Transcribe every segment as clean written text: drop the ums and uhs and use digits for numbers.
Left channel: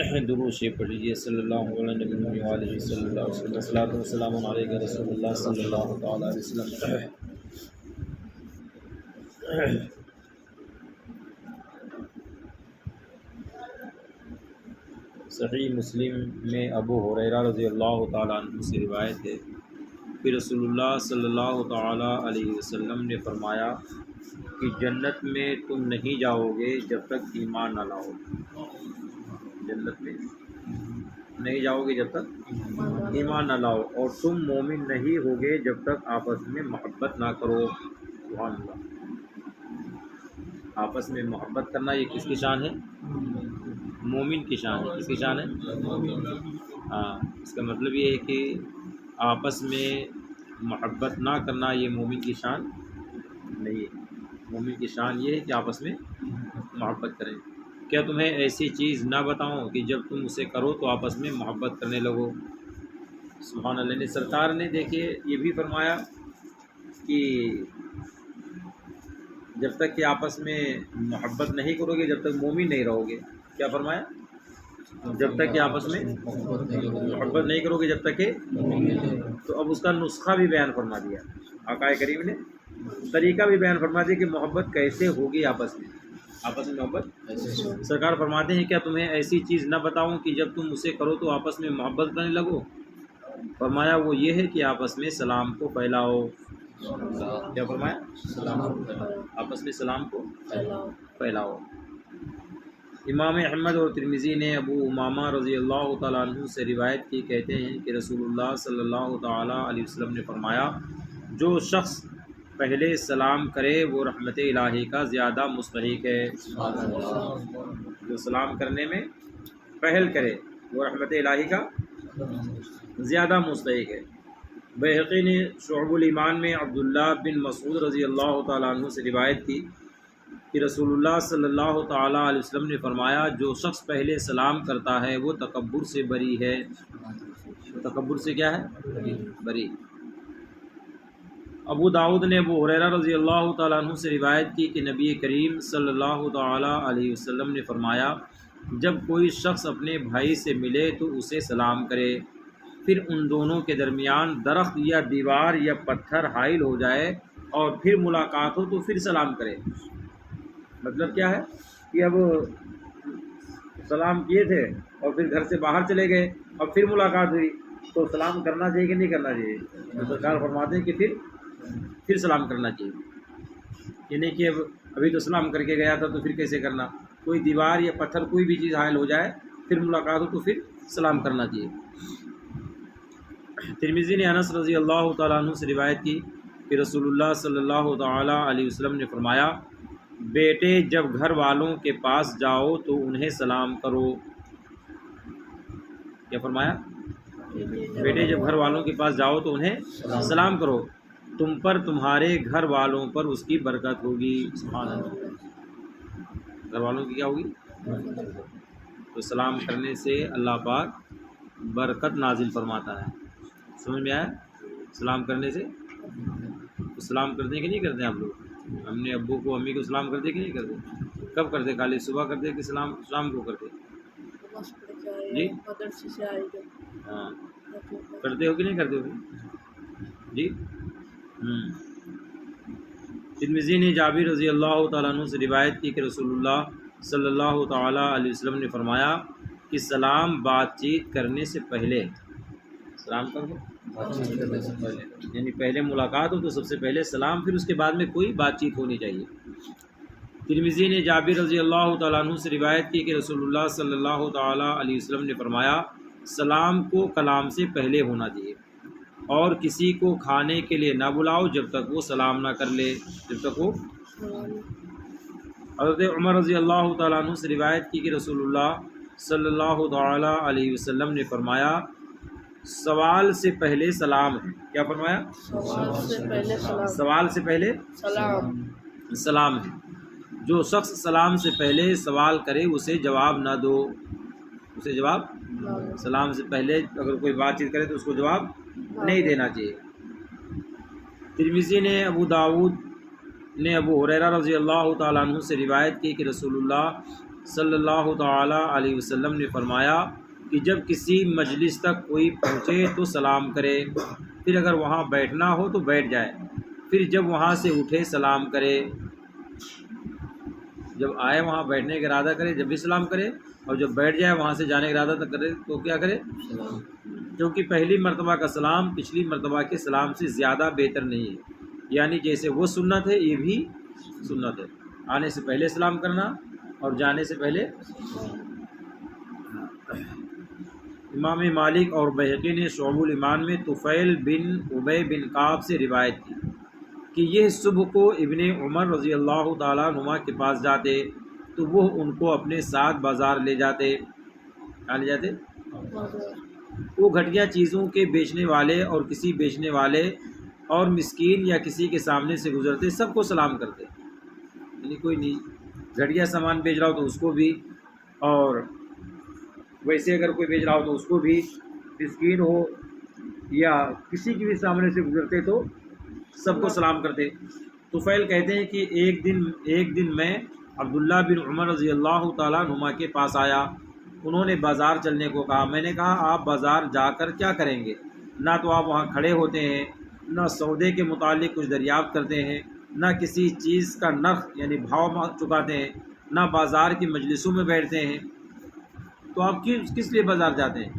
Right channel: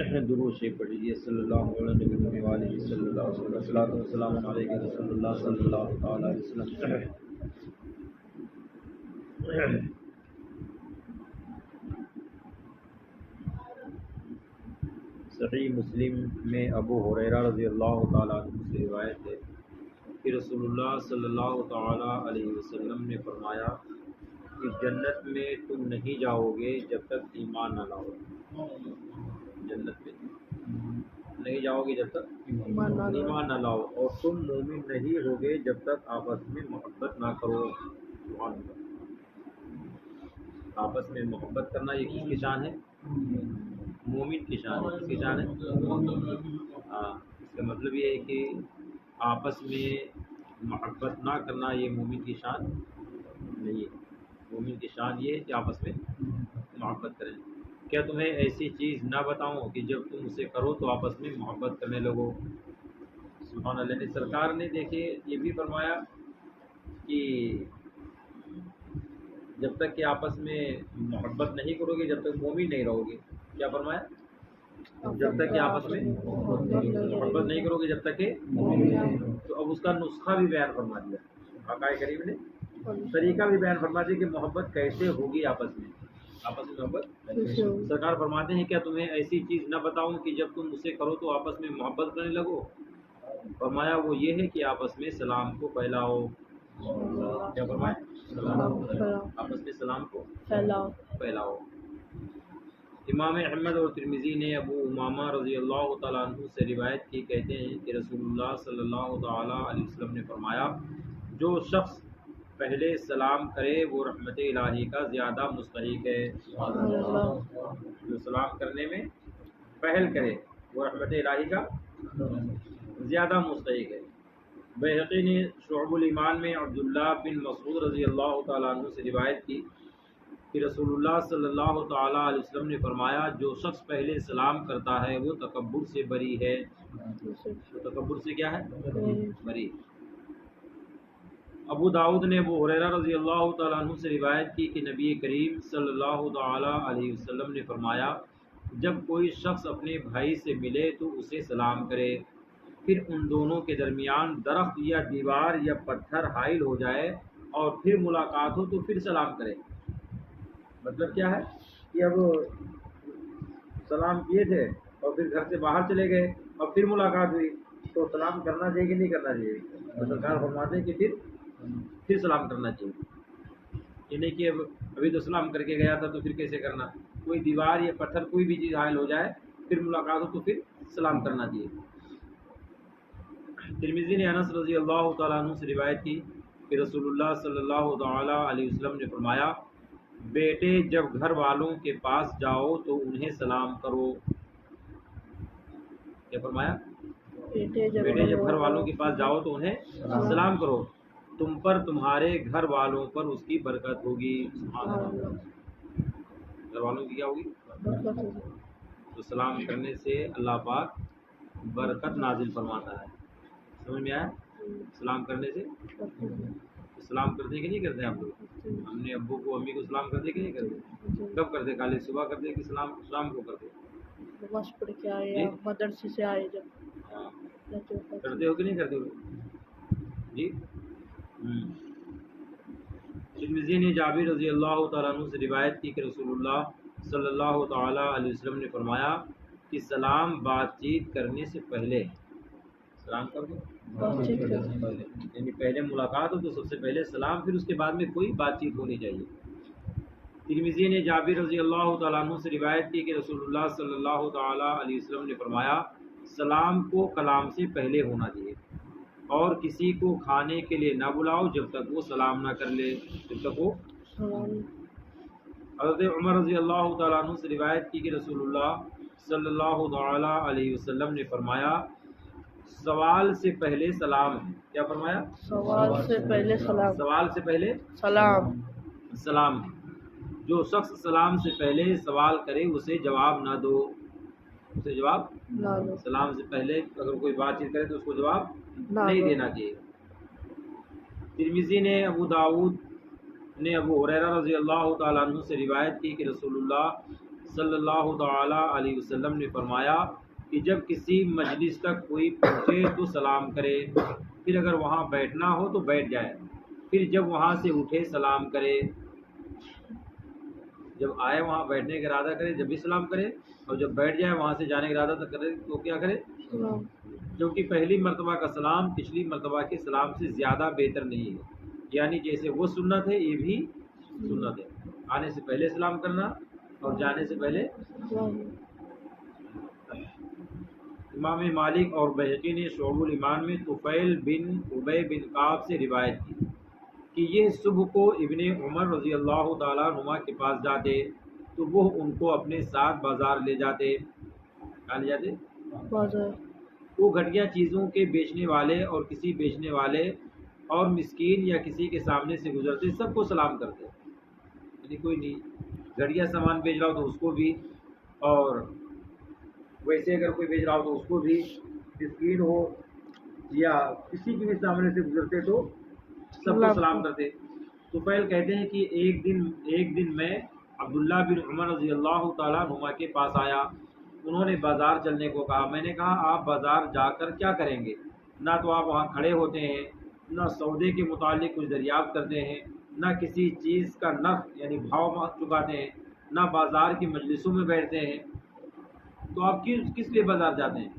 درود شریف پڑھ لیجیے صلی اللہ علیہ وسلم صلی اللہ علیہ وسلم الصلاۃ والسلام علیک رسول اللہ صلی اللہ تعالیٰ علیہ وسلم۔ صحیح مسلم میں ابو ہریرہ رضی اللہ تعالیٰ عنہ سے روایت ہے کہ رسول اللہ صلی اللہ تعالیٰ علیہ وسلم نے فرمایا کہ جنت میں تم نہیں جاؤ گے جب تک ایمان نہ لاؤ۔ جنت میں نہیں جاؤ گے جب تک ایمان نہ لاؤ، اور تم مومن نہیں ہوگے جب تک آپس میں محبت نہ کرو۔ سبحان اللہ، آپس میں محبت کرنا یہ کس کی شان ہے؟ مومن کی شان ہے۔ کس کی شان ہے؟ ہاں، اس کا مطلب یہ ہے کہ آپس میں محبت نہ کرنا یہ مومن کی شان نہیں ہے۔ مومن کی شان یہ ہے کہ آپس میں محبت کریں۔ کیا تمہیں ایسی چیز نہ بتاؤں کہ جب تم اسے کرو تو آپس میں محبت کرنے لگو؟ سبحان اللہ نے سرکار نے دیکھیے یہ بھی فرمایا کہ جب تک کہ آپس میں محبت نہیں کرو گے جب تک مومن نہیں رہو گے۔ کیا فرمایا؟ جب تک کہ آپس میں محبت نہیں کرو گے جب تک کہ، تو اب اس کا نسخہ بھی بیان فرما دیا آقا کریم نے، طریقہ بھی بیان فرما دیا کہ محبت کیسے ہوگی آپس میں محبت۔ سرکار فرماتے ہیں کیا تمہیں ایسی چیز نہ بتاؤں کہ جب تم اسے کرو تو آپس میں محبت کرنے لگو؟ فرمایا وہ یہ ہے کہ آپس میں سلام کو پھیلاؤ۔ کیا فرمایا؟ آپس میں سلام کو پھیلاؤ۔ امام احمد اور ترمذی نے ابو امامہ رضی اللہ تعالیٰ عنہ سے روایت کی، کہتے ہیں کہ رسول اللہ صلی اللہ تعالیٰ علیہ وسلم نے فرمایا جو شخص پہلے سلام کرے وہ رحمت الہی کا زیادہ مستحق ہے۔ جو سلام کرنے میں پہل کرے وہ رحمت الہی کا زیادہ مستحق ہے۔ بیہقی نے شعب الایمان میں عبداللہ بن مسعود رضی اللہ تعالیٰ عنہ سے روایت کی کہ رسول اللہ صلی اللہ تعالیٰ علیہ وسلم نے فرمایا جو شخص پہلے سلام کرتا ہے وہ تکبر سے بری ہے۔ تکبر سے کیا ہے؟ بری۔ ابو داؤد نے ابو ہریرہ رضی اللہ تعالیٰ عنہ سے روایت کی کہ نبی کریم صلی اللہ تعالیٰ علیہ وسلم نے فرمایا جب کوئی شخص اپنے بھائی سے ملے تو اسے سلام کرے، پھر ان دونوں کے درمیان درخت یا دیوار یا پتھر حائل ہو جائے اور پھر ملاقات ہو تو پھر سلام کرے۔ مطلب کیا ہے کہ اب سلام کیے تھے اور پھر گھر سے باہر چلے گئے اور پھر ملاقات ہوئی تو سلام کرنا چاہیے کہ نہیں کرنا چاہیے؟ سرکار فرماتے ہیں کہ پھر سلام کرنا چاہیے، یعنی کہ ابھی تو سلام کر کے گیا تھا تو پھر کیسے کرنا؟ کوئی دیوار یا پتھر کوئی بھی چیز حائل ہو جائے پھر ملاقات ہو تو پھر سلام کرنا چاہیے۔ ترمذی نے انس رضی اللہ تعالیٰ عنہ سے روایت کی کہ رسول اللہ صلی اللہ تعالیٰ علیہ وسلم نے فرمایا بیٹے جب گھر والوں کے پاس جاؤ تو انہیں سلام کرو۔ کیا فرمایا؟ بیٹے جب گھر والوں کے پاس جاؤ تو انہیں سلام کرو، تم پر تمہارے گھر والوں پر اس کی برکت ہوگی۔ سبحان اللہ، گھر والوں کی کیا ہوگی؟ تو سلام کرنے سے اللہ پاک برکت نازل فرماتا ہے۔ سمجھ میں آیا؟ سلام کرنے سے سلام کرتے ہیں کہ نہیں کرتے آپ لوگ؟ ہم نے ابو کو امی کو سلام کرتے کہ نہیں کرتے؟ کب کرتے؟ خالی صبح کرتے کہ سلام کو کرتے؟ جی مدرسے سے آئے جب ہاں کرتے ہو کہ نہیں کرتے ہو؟ جی ترمذی نے جابر رضی اللہ تعالیٰ عنہ سے روایت کی کہ رسول اللہ صلی اللہ تعالیٰ علیہ وسلم نے فرمایا کہ سلام بات چیت کرنے سے پہلے، سلام کرو یعنی پہلے ملاقات ہو تو سب سے پہلے سلام، پھر اس کے بعد میں کوئی بات چیت ہونی چاہیے۔ ترمذی نے جابر رضی اللہ تعالیٰ عنہ سے روایت کی کہ رسول اللہ صلی اللہ تعالیٰ علیہ وسلم نے فرمایا سلام کو کلام سے پہلے ہونا چاہیے، اور کسی کو کھانے کے لیے نہ بلاؤ جب تک وہ سلام نہ کر لے، جب تک وہ۔ حضرت عمر رضی اللہ تعالیٰ عنہ سے روایت کی کہ رسول اللہ صلی اللہ تعالیٰ علیہ وسلم نے فرمایا سوال سے پہلے سلام ہے۔ کیا فرمایا؟ سوال سے پہلے سلام ہے۔ جو شخص سلام سے پہلے سوال کرے اسے جواب نہ دو، اسے جواب سلام سے پہلے اگر کوئی بات چیت کرے تو اس کو جواب نہیں دینا چاہیے۔ ترمذی نے ابو داؤد نے ابو ہریرہ رضی اللہ تعالیٰ عنہ سے روایت کی کہ رسول اللہ صلی اللہ تعالی علیہ وسلم نے فرمایا کہ جب کسی مجلس تک کوئی پہنچے تو سلام کرے، پھر اگر وہاں بیٹھنا ہو تو بیٹھ جائے، پھر جب وہاں سے اٹھے سلام کرے، جب آئے وہاں بیٹھنے کا ارادہ کرے جب بھی سلام کرے، اور جب بیٹھ جائے وہاں سے جانے کا ارادہ کرے تو کیا کرے؟ کیونکہ پہلی مرتبہ کا سلام پچھلی مرتبہ کے سلام سے زیادہ بہتر نہیں ہے، یعنی جیسے وہ سنت ہے یہ بھی سنت ہے، آنے سے پہلے سلام کرنا اور جانے سے پہلے۔ امام مالک اور بہقی نے شعب الایمان میں طفیل بن ابی بن کعب سے روایت کی کہ یہ صبح کو ابن عمر رضی اللہ تعالیٰ عنہما کے پاس جاتے تو وہ ان کو اپنے ساتھ بازار لے جاتے۔ کہاں لے جاتے؟ وہ گھٹیا چیزوں کے بیچنے والے اور کسی بیچنے والے اور مسکین یا کسی کے سامنے سے گزرتے سب کو سلام کرتے، یعنی کوئی نہیں گھٹیا سامان بیچ رہا ہو تو اس کو بھی، اور ویسے اگر کوئی بیچ رہا ہو تو اس کو بھی، مسکین ہو یا کسی کے بھی سامنے سے گزرتے تو سب کو سلام کرتے۔ طفیل کہتے ہیں کہ ایک دن میں عبداللہ بن عمر رضی اللہ تعالیٰ عنہما کے پاس آیا، انہوں نے بازار چلنے کو کہا، میں نے کہا آپ بازار جا کر کیا کریں گے؟ نہ تو آپ وہاں کھڑے ہوتے ہیں، نہ سودے کے متعلق کچھ دریافت کرتے ہیں، نہ کسی چیز کا نرخ یعنی بھاؤ چکاتے ہیں، نہ بازار کی مجلسوں میں بیٹھتے ہیں، تو آپ کس لیے بازار جاتے ہیں؟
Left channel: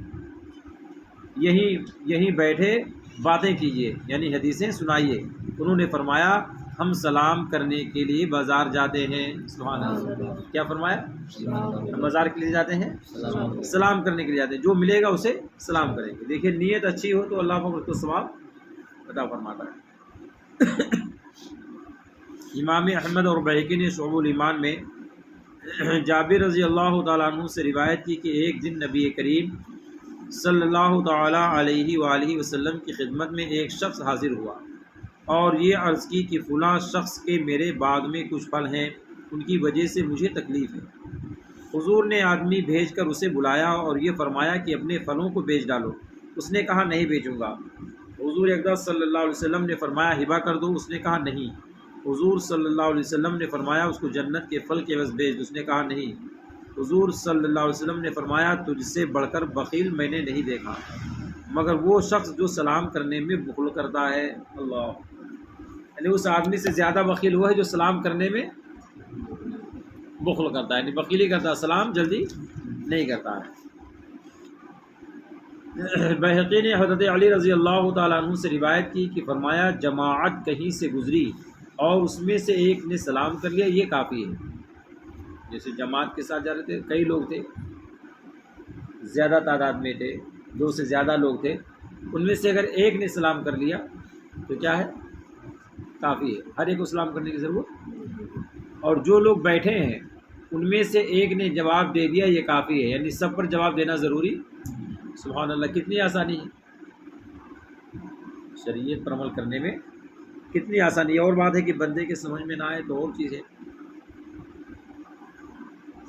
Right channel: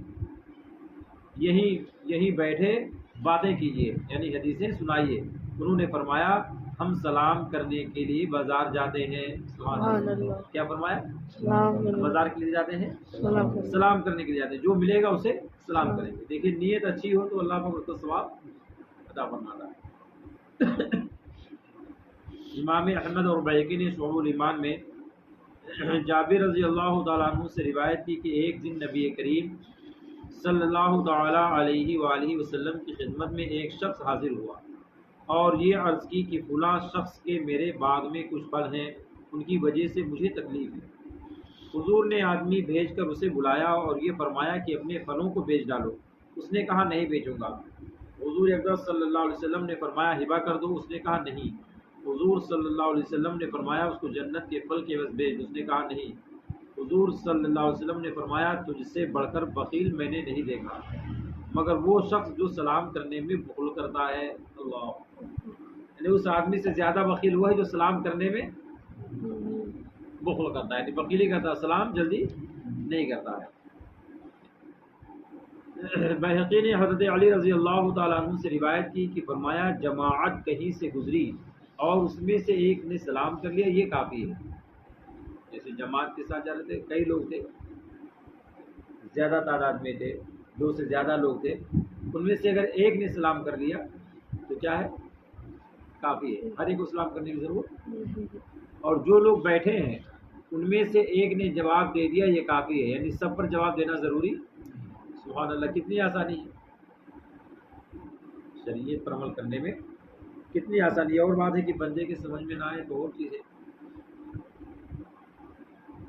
یہیں بیٹھے باتیں کیجیے، یعنی حدیثیں سنائیے۔ انہوں نے فرمایا ہم سلام کرنے کے لیے بازار جاتے ہیں۔ سبحان اللہ، کیا فرمایا؟ بازار کے لیے جاتے ہیں، سلام کرنے کے لیے جاتے ہیں، جو ملے گا اسے سلام کریں گے۔ دیکھیے نیت اچھی ہو تو اللہ کو تو ثواب عطا فرماتا ہے۔ امام احمد اور بہقی نے شعب الایمان میں جابر رضی اللہ تعالیٰ عنہ سے روایت کی کہ ایک دن نبی کریم صلی اللہ تعالیٰ علیہ وآلہ وسلم کی خدمت میں ایک شخص حاضر ہوا اور یہ عرض کی کہ فلاں شخص کے میرے باغ میں کچھ پھل ہیں، ان کی وجہ سے مجھے تکلیف ہے۔ حضور نے آدمی بھیج کر اسے بلایا اور یہ فرمایا کہ اپنے پھلوں کو بیچ ڈالو۔ اس نے کہا نہیں بیچوں گا۔ حضور اقدس صلی اللہ علیہ وسلم نے فرمایا ہبہ کر دو، اس نے کہا نہیں۔ حضور صلی اللہ علیہ وسلم نے فرمایا اس کو جنت کے پھل کے عوض بیچ دو، اس نے کہا نہیں۔ حضور صلی اللہ علیہ وسلم نے فرمایا تجھ سے بڑھ کر بخیل میں نے نہیں دیکھا مگر وہ شخص جو سلام کرنے میں بخل کرتا ہے۔ اللہ، یعنی اس آدمی سے زیادہ بخیل ہوا ہے جو سلام کرنے میں بخل کرتا ہے، یعنی بخیلی کرتا ہے، سلام جلدی نہیں کرتا ہے۔ بہقی نے حضرت علی رضی اللہ تعالیٰ عنہ سے روایت کی کہ فرمایا جماعت کہیں سے گزری اور اس میں سے ایک نے سلام کر لیا، یہ کافی ہے۔ جیسے جماعت کے ساتھ جا رہے تھے، کئی لوگ تھے، زیادہ تعداد میں تھے، 2 سے زیادہ لوگ تھے، ان میں سے اگر ایک نے سلام کر لیا تو کیا ہے؟ کافی ہے، ہر ایک کو سلام کرنے کی ضرورت۔ اور جو لوگ بیٹھے ہیں ان میں سے ایک نے جواب دے دیا، یہ کافی ہے، یعنی سب پر جواب دینا ضروری۔ سبحان اللہ، کتنی آسانی ہے شریعت پر عمل کرنے میں، کتنی آسانی ہے۔ اور بات ہے کہ بندے کے سمجھ میں نہ آئے تو اور چیز ہے۔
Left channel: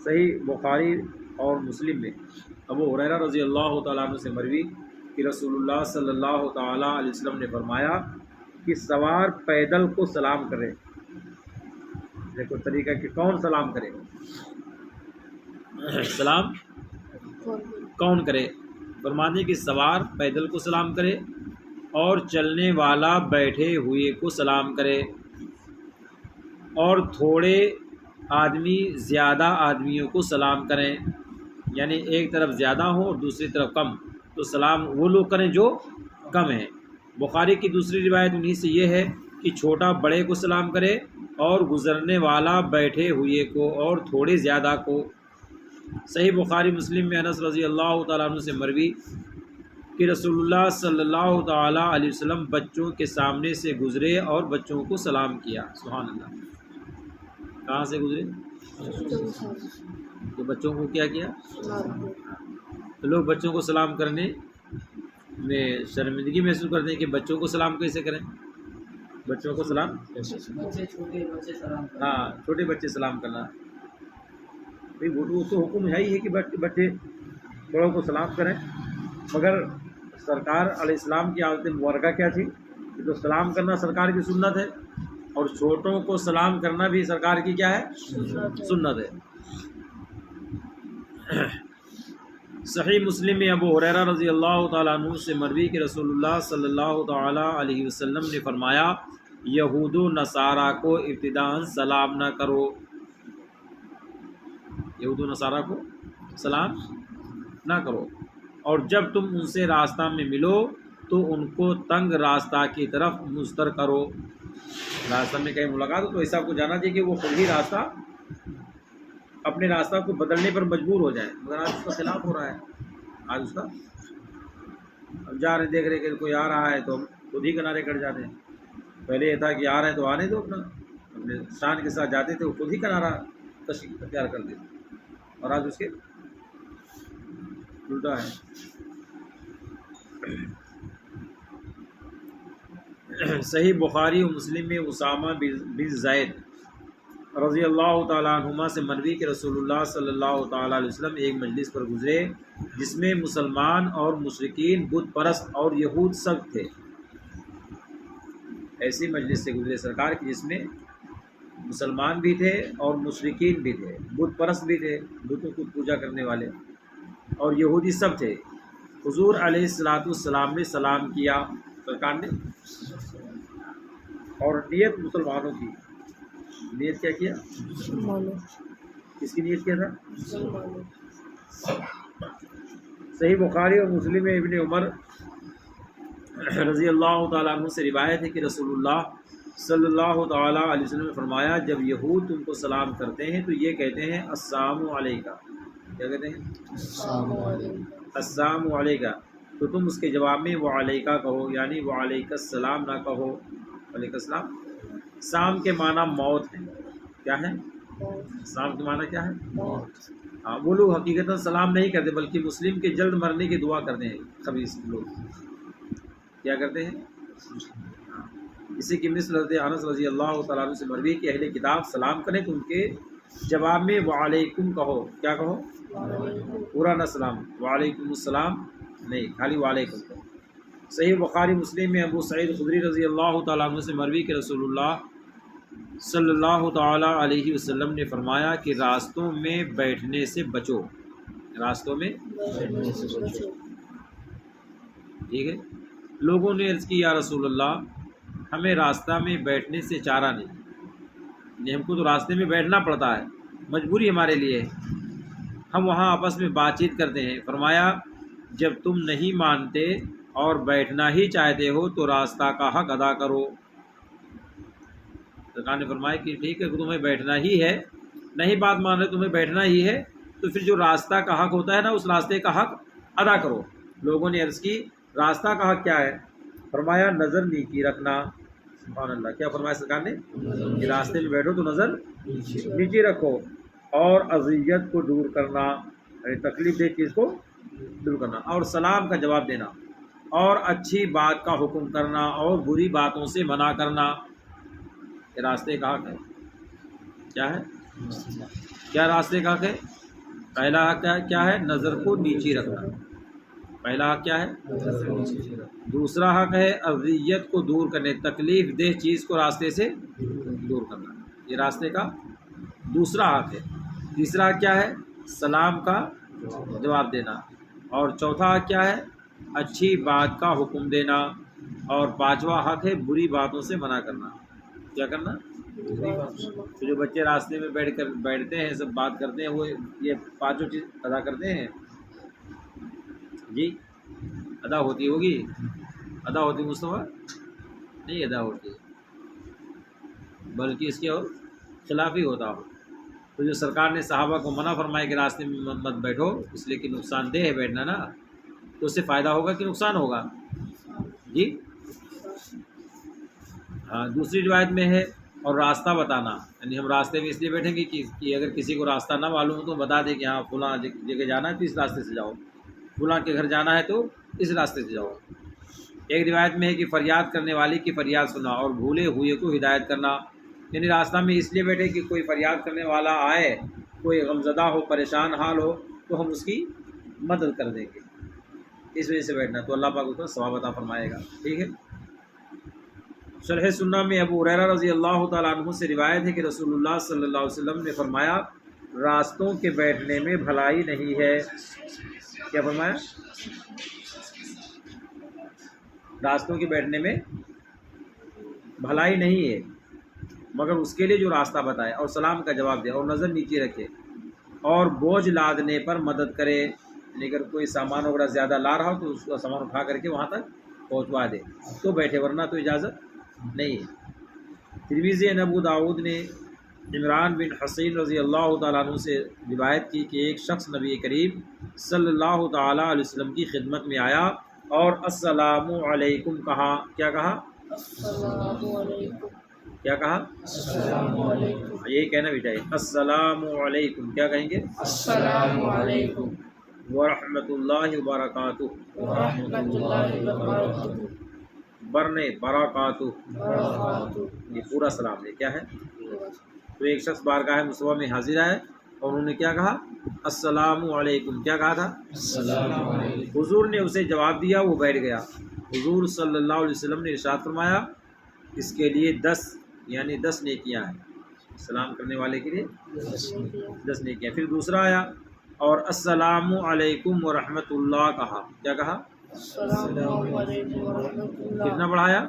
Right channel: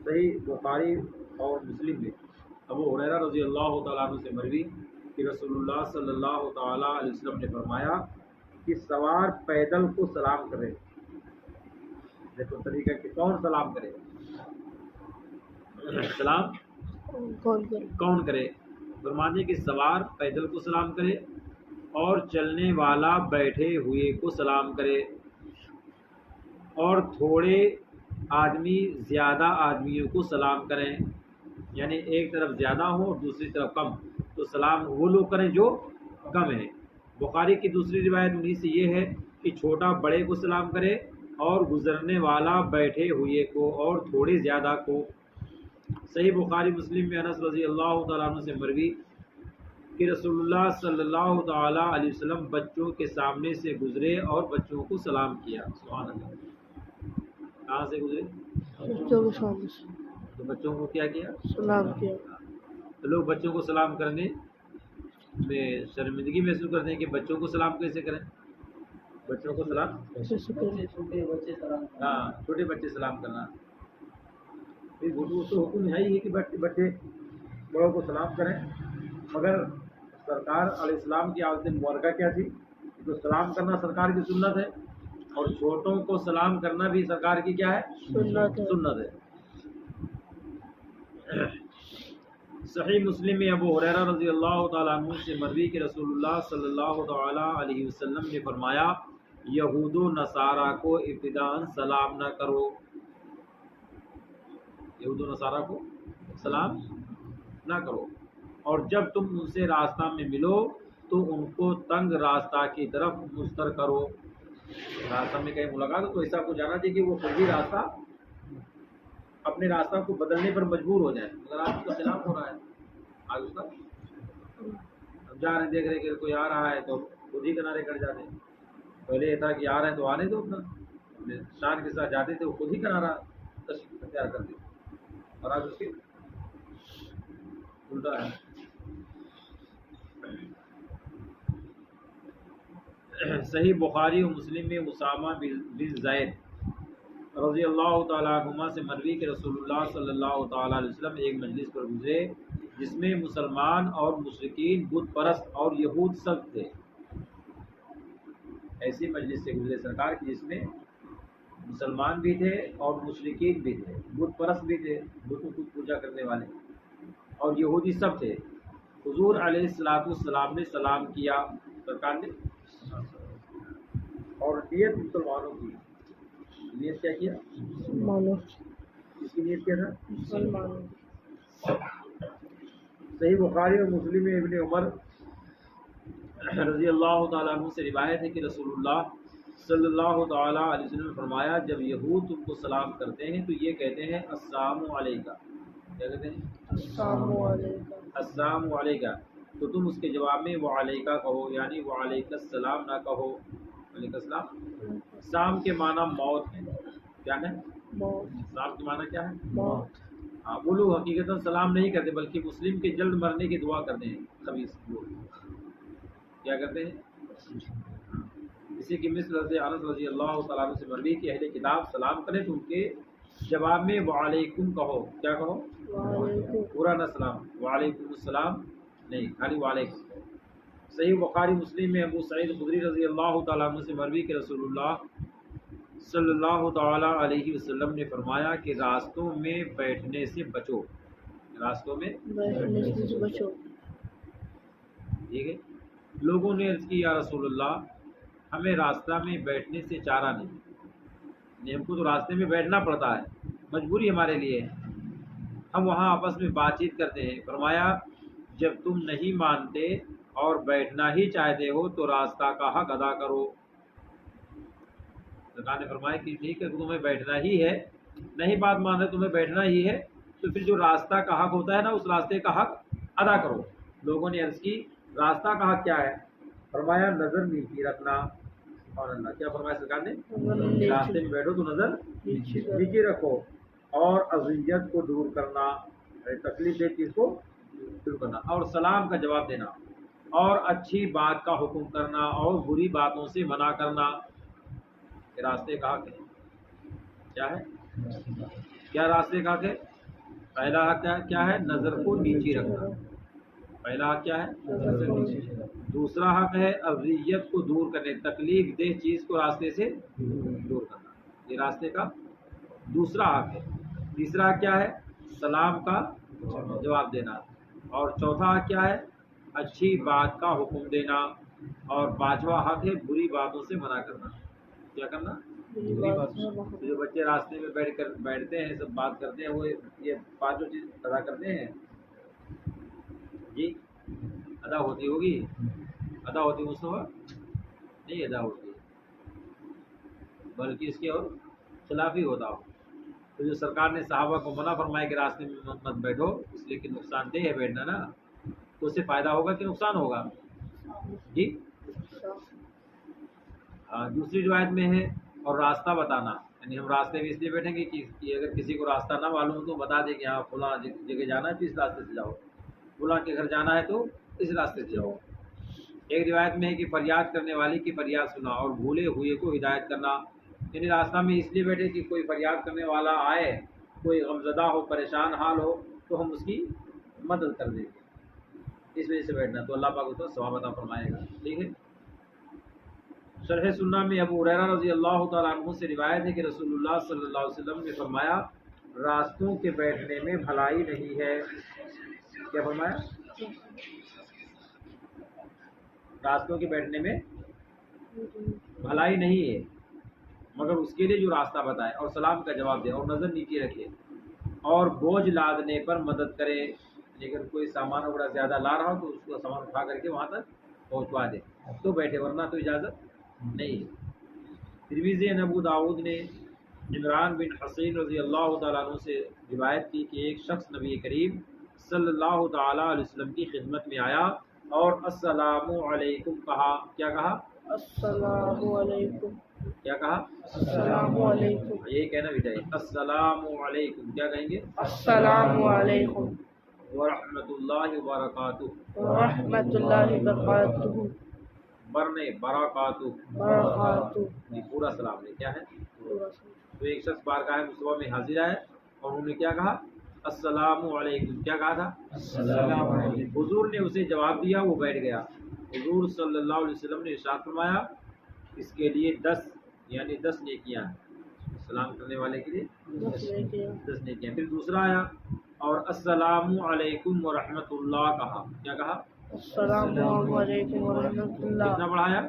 صحیح بخاری اور مسلم میں ابو ہریرہ رضی اللہ تعالیٰ عنہ سے مروی کہ رسول اللہ صلی اللہ تعالیٰ علیہ وسلم نے فرمایا کہ سوار پیدل کو سلام کرے۔ دیکھو طریقہ کہ کون سلام کرے، سلام کون کرے؟ فرمانے کہ سوار پیدل کو سلام کرے اور چلنے والا بیٹھے ہوئے کو سلام کرے، اور تھوڑے آدمی زیادہ آدمیوں کو سلام کریں، یعنی ایک طرف زیادہ ہو اور دوسری طرف کم، تو سلام وہ لوگ کریں جو کم ہیں۔ بخاری کی دوسری روایت انہی سے یہ ہے کہ چھوٹا بڑے کو سلام کرے اور گزرنے والا بیٹھے ہوئے کو اور تھوڑے زیادہ کو۔ صحیح بخاری مسلم میں انس رضی اللہ تعالیٰ عنہ سے مروی کہ رسول اللہ صلی اللہ تعالیٰ علیہ وسلم بچوں کے سامنے سے گزرے اور بچوں کو سلام کیا۔ سبحان اللہ، کہاں سے گزرے؟ تو بچوں کو کیا کیا؟ تو لوگ بچوں کو سلام کرنے میں شرمندگی محسوس کرتے ہیں کہ بچوں کو سلام کیسے کریں؟ بچوں کو سلام، چھوٹے بچے سلام، ہاں چھوٹے بچے سلام کرنا، وہ تو حکم ہے ہی ہے کہ بچے بڑوں کو سلام کریں، مگر سرکار علیہ السلام کی عادت مبارکہ کیا تھی؟ تو سلام کرنا سرکار کی سنت ہے، اور چھوٹوں کو سلام کرنا بھی سرکار کی کیا ہے؟ سنت ہے۔ صحیح مسلم میں ابو ہریرہ رضی اللہ تعالیٰ عنہ سے مروی کہ رسول اللہ صلی اللہ تعالیٰ علیہ وسلم نے فرمایا یہود و نصارہ کو ابتداءً سلام نہ کرو، یہود و نصارہ کو سلام نہ کرو، اور جب تم ان سے راستہ میں ملو تو ان کو تنگ راستہ کی طرف مستر کرو۔ راستہ میں کہیں ملاقات ہو تو ایسا کو جانا چاہیے کہ وہ خود ہی راستہ اپنے راستہ کو بدلنے پر مجبور ہو جائے، مگر آج اس کا خلاف ہو رہا ہے۔ آج اس کا اب جا رہے دیکھ رہے کہ کوئی آ رہا ہے تو خود ہی کنارے کٹ جاتے ہیں۔ پہلے یہ تھا کہ آ رہے ہیں تو آنے دو، اپنے شان کے ساتھ جاتے تھے، وہ خود ہی کنارہ اختیار کر دیتے، اور آج اس کے الٹا ہے۔ صحیح بخاری و مسلم میں اسامہ بن زید رضی اللہ تعالیٰ عنہما سے مروی کہ رسول اللہ صلی اللہ تعالیٰ علیہ وسلم ایک مجلس پر گزرے جس میں مسلمان اور مشرکین، بت پرست اور یہود سب تھے۔ ایسی مجلس سے گزرے سرکار کی جس میں مسلمان بھی تھے اور مشرکین بھی تھے، بت پرست بھی تھے، بتوں کو پوجا کرنے والے، اور یہودی سب تھے۔ حضور علیہ السلام نے سلام کیا سرکار نے، اور نیت مسلمانوں کی، نیت کیا کیا؟ کس کی نیت کیا تھا؟ صحیح بخاری اور مسلم میں ابن عمر رضی اللہ تعالیٰ عنہ سے روایت ہے کہ رسول اللہ صلی اللہ تعالیٰ علیہ وسلم نے فرمایا جب یہود تم کو سلام کرتے ہیں تو یہ کہتے ہیں السلام علیکہ، کیا کہتے ہیں؟ السلام علیکہ، تو تم اس کے جواب میں وعلیکہ کہو، یعنی وعلیکہ السلام نہ کہو۔ وعلیکہ السلام سام کے معنی موت ہے، کیا ہے؟ سام کے معنی کیا ہے؟ موت۔ ہاں، وہ لوگ حقیقتاً سلام نہیں کرتے بلکہ مسلم کے جلد مرنے کی دعا کرتے ہیں۔ خبیث لوگ کیا کرتے ہیں؟ اسی کی مثل حضرت انس رضی اللہ تعالیٰ عنہ سے مروی کہ اہل کتاب سلام کریں تو ان کے جواب میں وعلیکم کہو، کیا کہو؟ پورا نہ سلام، وعلیکم السلام نہیں، خالی وعلیکم کہو۔ صحیح بخاری مسلم میں ابو سعید خدری رضی اللہ تعالیٰ عنہ سے مروی کہ رسول اللہ صلی اللہ تعالیٰ علیہ وسلم نے فرمایا کہ راستوں میں بیٹھنے سے بچو، راستوں میں بچو، ٹھیک ہے۔ لوگوں نے عرض کی یا رسول اللہ ہمیں راستہ میں بیٹھنے سے چارہ نہیں، یعنی ہم کو تو راستے میں بیٹھنا پڑتا ہے، مجبوری ہمارے لیے، ہم وہاں آپس میں بات چیت کرتے ہیں۔ فرمایا جب تم نہیں مانتے اور بیٹھنا ہی چاہتے ہو تو راستہ کا حق ادا کرو۔ سرکار نے فرمایا کہ ٹھیک ہے کہ تمہیں بیٹھنا ہی ہے، نہیں بات مان رہے تمہیں بیٹھنا ہی ہے تو پھر جو راستہ کا حق ہوتا ہے نا اس راستے کا حق ادا کرو۔ لوگوں نے عرض کی راستہ کا حق کیا ہے؟ فرمایا نظر نیچی رکھنا۔ سبحان اللہ، کیا فرمایا سرکار نے؟ کہ راستے میں بیٹھو تو نظر نیچی رکھو، اور اذیت کو دور کرنا، تکلیف دہ چیز کو دور کرنا، اور سلام کا جواب دینا، اور اچھی بات کا حکم کرنا، اور بری باتوں سے منع کرنا۔ یہ راستے کا حق ہے۔ کیا ہے؟ کیا راستے کا حق ہے؟ پہلا حق کیا ہے؟ نظر کو نیچی رکھنا، پہلا حق کیا ہے؟ دوسرا حق ہے اذیت کو دور کرنے، تکلیف دہ چیز کو راستے سے دور کرنا، یہ راستے کا دوسرا حق ہے۔ تیسرا حق کیا ہے؟ سلام کا جواب دینا، اور چوتھا حق کیا ہے؟ اچھی بات کا حکم دینا، اور پانچواں حق ہے بری باتوں سے منع کرنا۔ کیا کرنا؟ تو جو بچے راستے میں بیٹھتے ہیں، سب بات کرتے ہیں، وہ یہ پانچوں چیز ادا کرتے ہیں؟ جی ادا ہوتی ہوگی؟ ادا ہوتی مصطفیٰ؟ نہیں ادا ہوتی، بلکہ اس کے اور خلاف ہی ہوتا ہو۔ تو جو سرکار نے صحابہ کو منع فرمایا کہ راستے میں مت بیٹھو، اس لیے کہ نقصان دہ ہے بیٹھنا نا، تو اس سے فائدہ ہوگا کہ نقصان ہوگا؟ جی ہاں۔ دوسری روایت میں ہے اور راستہ بتانا، یعنی ہم راستے میں اس لیے بیٹھیں گے کہ اگر کسی کو راستہ نہ معلوم ہو تو بتا دے کہ ہاں فلاں جگہ جانا ہے تو اس راستے سے جاؤ، فلاں کے گھر جانا ہے تو اس راستے سے جاؤ۔ ایک روایت میں ہے کہ فریاد کرنے والے کی فریاد سنا اور بھولے ہوئے کو ہدایت کرنا، یعنی راستہ میں اس لیے بیٹھے کہ کوئی فریاد کرنے والا آئے، کوئی غمزدہ ہو، پریشان حال ہو تو ہم اس کی مدد کر دیں گے، اس وجہ سے بیٹھنا، تو اللہ پاک اس کو ثواب عطا فرمائے گا۔ ٹھیک ہے۔ شرح سنہ میں ابو ہریرہ رضی اللہ تعالیٰ عنہ سے روایت ہے کہ رسول اللہ صلی اللہ علیہ وسلم نے فرمایا راستوں کے بیٹھنے میں بھلائی نہیں ہے، کیا فرمایا؟ راستوں کے بیٹھنے میں بھلائی نہیں ہے مگر اس کے لیے جو راستہ بتائے، اور سلام کا جواب دے، اور نظر نیچے رکھے، اور بوجھ لادنے پر مدد کرے، اگر کوئی سامان وغیرہ زیادہ لا رہا ہو تو اس کا سامان اٹھا کر کے وہاں تک پہنچوا دے تو بیٹھے، ورنہ تو اجازت نہیں ہے۔ ترمذی ابو داؤد نے عمران بن حسین رضی اللہ تعالیٰ عنہ سے روایت کی کہ ایک شخص نبی کریم صلی اللہ تعالیٰ علیہ وسلم کی خدمت میں آیا اور السلام علیکم کہا۔ کیا کہا؟ السلام علیکم۔ کیا کہا؟ السلام علیکم۔ یہی کہنا بھی چاہیے، السلام علیکم۔ کیا کہیں گے؟ السلام علیکم ورحمۃ اللہ وبرکاتہ۔ ورحمۃ اللہ وبرکاتہ۔ برنے برکاتہ، برکاتہ۔ یہ پورا سلام ہے۔ کیا ہے؟ تو ایک شخص بارگاہ مصطفیٰ میں حاضر آئے اور انہوں نے کیا کہا؟ السلام علیکم۔ کیا کہا تھا؟ السلام علیکم۔ حضور نے اسے جواب دیا، وہ بیٹھ گیا۔ حضور صلی اللہ علیہ وسلم نے ارشاد فرمایا اس کے لیے 10 نیکیاں ہیں، سلام کرنے والے کے لیے 10 نیکیاں۔ پھر دوسرا آیا اور السلام علیکم ورحمۃ اللہ کہا۔ کیا کہا؟ السلام علیکم ورحمۃ اللہ۔ کتنا بڑھایا؟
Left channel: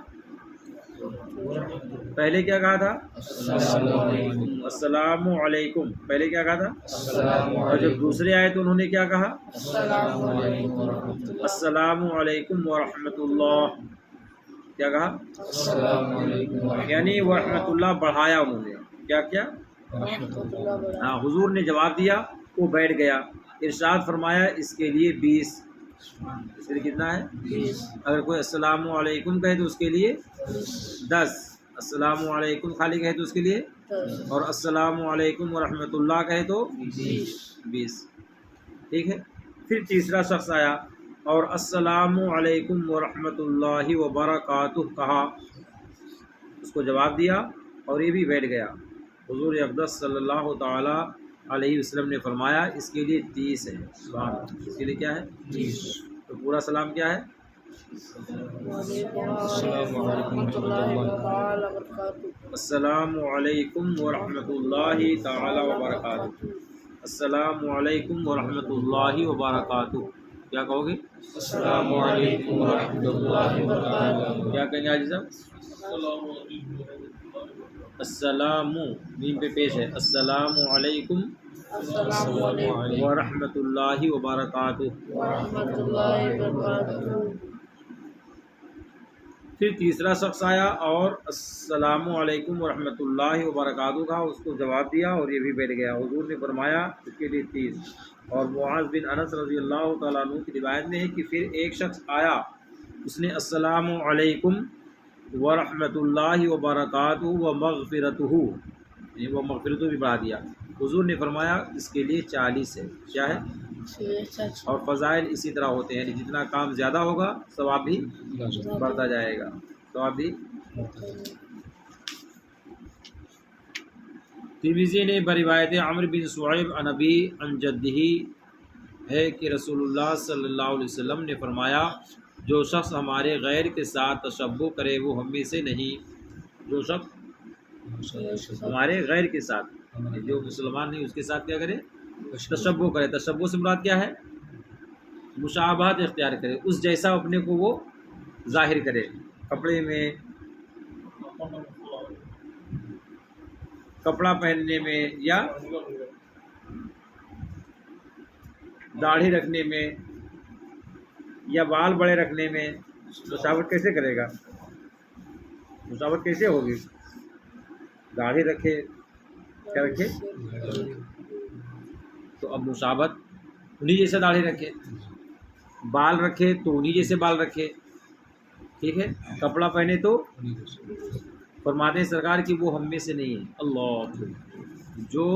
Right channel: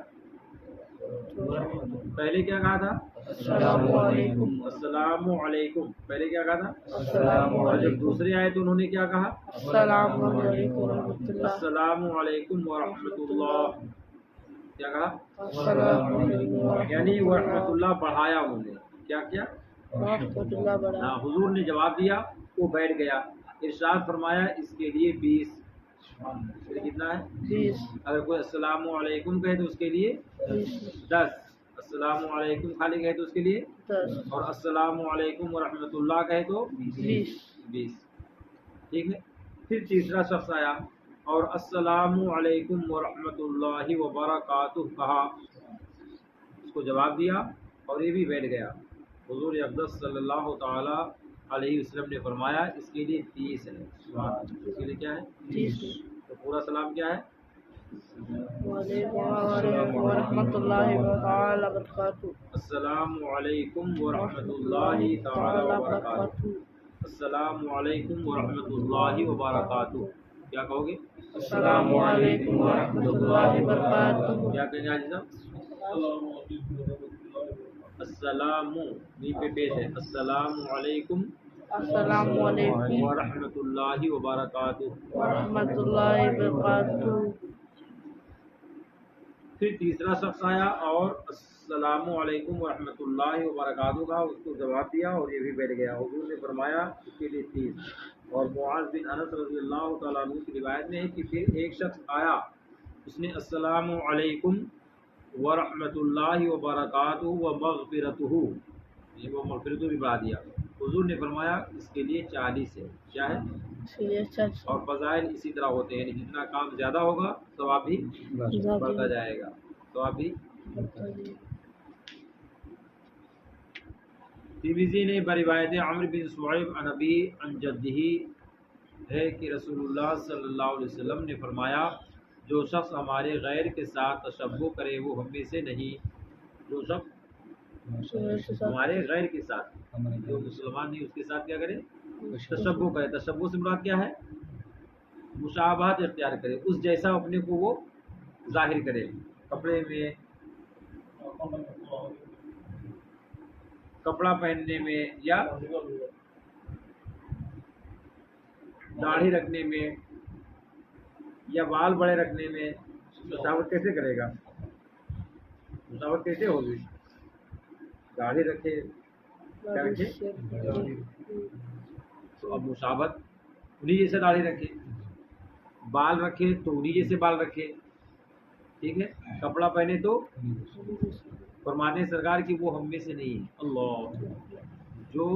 پہلے کیا کہا تھا؟ السلام علیکم۔ السلام علیکم۔ پہلے کیا کہا تھا؟ السلام اور جب علیکم۔ دوسرے آئے تو انہوں نے کیا کہا؟ السلام علیکم ورحمۃ اللہ۔ السلام علیکم ورحمۃ اللہ۔ کیا کہا؟ السلام علیکم ورحمۃ یعنی ورحمۃ اللہ بڑھایا انہوں نے۔ کیا کیا؟ اللہ وبرکاتہ۔ ہاں، حضور نے جواب دیا، وہ بیٹھ گیا۔ ارشاد فرمایا اس کے لیے 20۔ اس کے لیے کتنا ہے؟ 20۔ اگر کوئی السلام علیکم کہے تو اس کے لیے 10، السلام علیکم خالی کہے تو اس کے لیے، 10۔ اور السلام علیکم ورحمۃ اللہ کہے تو 20۔ ٹھیک ہے۔ پھر تیسرا شخص آیا اور السلام علیکم ورحمۃ اللہ وبرکاتہ کہا، اس کو جواب دیا اور یہ بھی بیٹھ گیا۔ حضور اقدس صلی اللہ تعالی علیہ وسلم نے فرمایا اس کے لیے 30 ہے۔ اس کے لیے کیا ہے؟ 30۔ تو پورا سلام کیا ہے؟ وعلیکم السلام ورحمۃ اللہ وبرکاتہ۔ السلام علیکم ورحمۃ اللہ تعالی وبرکاتہ۔ السلام علیکم ورحمۃ اللہ وبرکاتہ۔ کیا کہو گے؟ السلام علیکم ورحمۃ اللہ وبرکاتہ۔ کیا کہیں گے حاجی صاحب؟ السلام میم پہ پیش ہے، السلام علیکم السلام علیکم ورحمۃ اللہ وبرکاتہ۔ ورحمۃ اللہ وبرکاتہ۔ پھر تیسرا شخص آیا اور السلام علیکم ورحمۃ اللہ وبرکاتہ کا، اس کو جواب دیا اور یہ بھی بیٹھ گیا۔ حضور نے فرمایا اس کے لیے 30۔ اور معاذ بن انس رضی اللہ تعالیٰ عنہ کی روایت میں ہے کہ پھر ایک شخص آیا، اس نے السلام علیکم ورحمۃ اللہ وبرکاتہ ومغفرتہ، یہ وہ مغفرتہ بھی بڑھا دیا۔ حضور نے فرمایا اس کے لیے 40 ہے۔ کیا ہے؟ اور فضائل اسی طرح ہوتے ہیں، یعنی جتنا کام زیادہ ہوگا ثواب بھی بڑھتا جائے گا، ثواب بھی۔ ترمذی نے بروایت عمرو بن شعیب عن ابی عن جدہ ہے کہ رسول اللہ صلی اللہ علیہ وسلم نے فرمایا جو شخص ہمارے غیر کے ساتھ تشبہ کرے وہ ہم میں سے نہیں۔ جو شخص ہمارے غیر کے ساتھ، جو مسلمان نہیں اس کے ساتھ کیا کرے؟ تشبہ کرے۔ تشبہ سے مراد کیا ہے؟ مشابہت اختیار کرے، اس جیسا اپنے کو وہ ظاہر کرے، کپڑے میں، کپڑا پہننے میں، یا داڑھی رکھنے میں، یا بال بڑے رکھنے میں۔ مشابہت کیسے کرے گا؟ مشابہت کیسے ہوگی؟ داڑھی رکھے، کیا رکھے؟ تو اب مشابہت انہی جیسے داڑھی رکھے، بال رکھے تو انہی جیسے بال رکھے، ٹھیک ہے؟ کپڑا پہنے تو فرماتے ہیں سرکار کہ وہ ہم میں سے نہیں ہے۔ اللہ، جو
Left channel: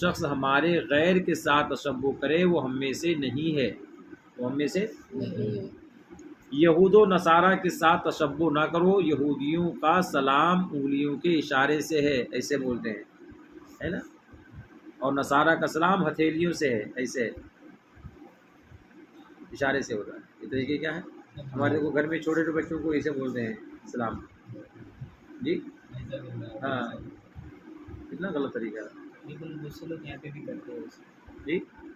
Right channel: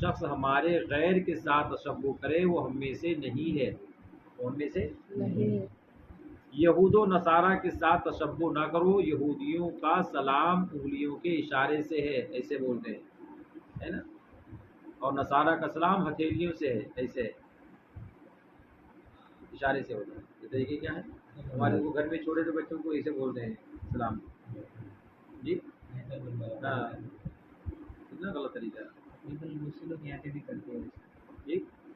شخص ہمارے غیر کے ساتھ تشبہ کرے وہ ہم میں سے نہیں ہے، وہ ہم میں سے نہیں ہے۔ یہود و نصارہ کے ساتھ تشبہ نہ کرو، یہودیوں کا سلام انگلیوں کے اشارے سے ہے، ایسے بولتے ہیں، ہے نا؟ اور نصارہ کا سلام ہتھیلیوں سے ہے، ایسے اشارے سے ہوتا ہے۔ یہ طریقے کیا ہے؟ ہمارے کو گھر میں چھوٹے چھوٹے بچوں کو ایسے بولتے ہیں سلام، جی ہاں، کتنا غلط طریقہ ہے، دوسرے لوگ یہاں پہ بھی کرتے ہیں جی۔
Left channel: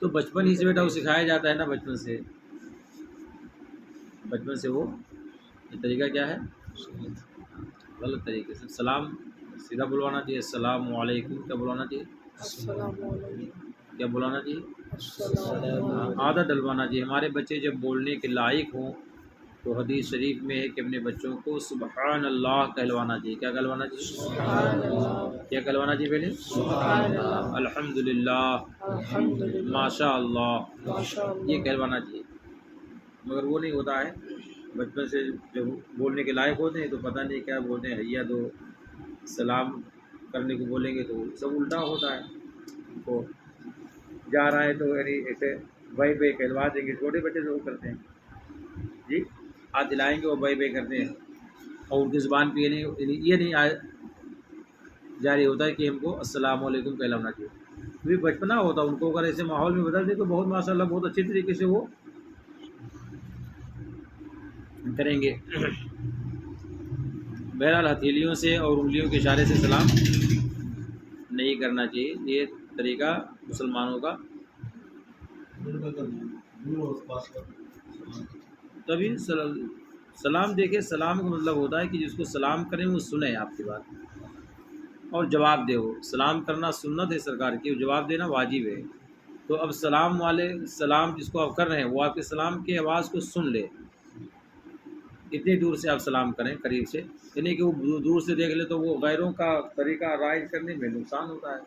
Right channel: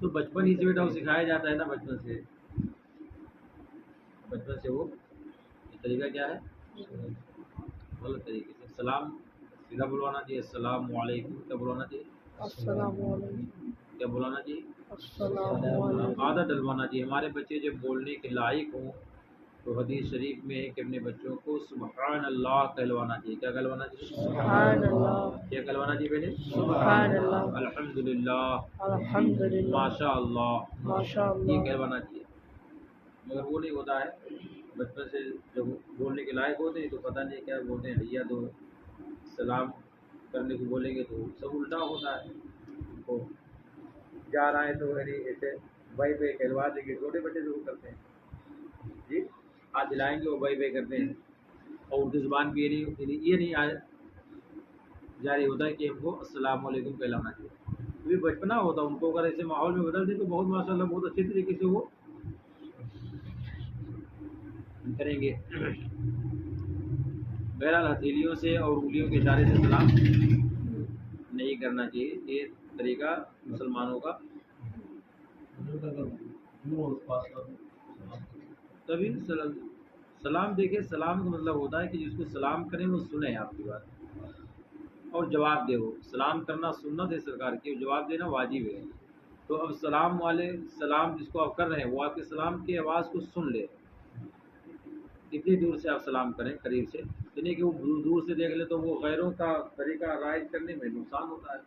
تو بچپن ہی سے بیٹا وہ سکھایا جاتا ہے نا، بچپن سے وہ یہ طریقہ کیا ہے، غلط طریقے سے سلام سیدھا بلوانا چاہیے، السلام علیکم کیا بلوانا چاہیے، السلام علیکم کیا بلانا چاہیے، السلام علیکم عادت ڈلوانا چاہیے۔ ہمارے بچے جب بولنے کے لائق ہوں تو حدیث شریف میں ہے کہ اپنے بچوں کو سبحان اللہ کہلوانا چاہیے۔ کیا کہلوانا چاہیے، سبحان اللہ کیا کہلوانا چاہیے پہلے، سبحان اللہ الحمدللہ، الحمدللہ ماشاء اللہ، ماشاء یہ اللہ کہلوانا چاہیے۔ مگر وہ نہیں ہوتا ہے، بچپن سے جب بولنے کے لائق ہوتے ہیں تو پتہ نہیں کیا بولتے ہیں، حیا دو سلام کرنے کو بولیں گے تو سب الٹا ہوتا ہے۔ ان کو جا رہا ہے تو یعنی ایسے بھائی بھائی کہلوا دیں گے، چھوٹے بچے جو کرتے ہیں جی، ہاتھ دلائیں گے وہ بھائی بھائی کرتے ہیں، اور ان کی زبان پہ یہ نہیں جاری ہوتا ہے کہ ہم کو السلام علیکم کہلانا چاہیے۔ کیونکہ بچپنا ہوتا ہے، ان کو اگر ایسے ماحول میں بدل دیں تو بہت ماشاء اللہ بہت اچھی طریقے سے وہ کریں گے۔ بہرحال ہتھیلیوں سے اور انگلیوں کے اشارے سے سلام نہیں کرنا چاہیے، یہ طریقہ مسلمانوں کا تبھی سلام دیکھے، سلام کا مطلب ہوتا ہے کہ جس کو سلام کریں وہ سنے آپ کی بات اور جواب دے۔ وہ سلام کرنا سنت ہے سرکار کی، جواب دینا واجب ہے۔ تو اب سلام والے سلام جس کو آپ کر رہے ہیں وہ آپ کے سلام کی آواز کو سن لے، اتنی دور سے آپ سلام کریں، قریب سے، یعنی کہ وہ دور سے دیکھ لے تو وہ غیروں کا طریقہ رائج کرنے میں نقصان ہوتا ہے،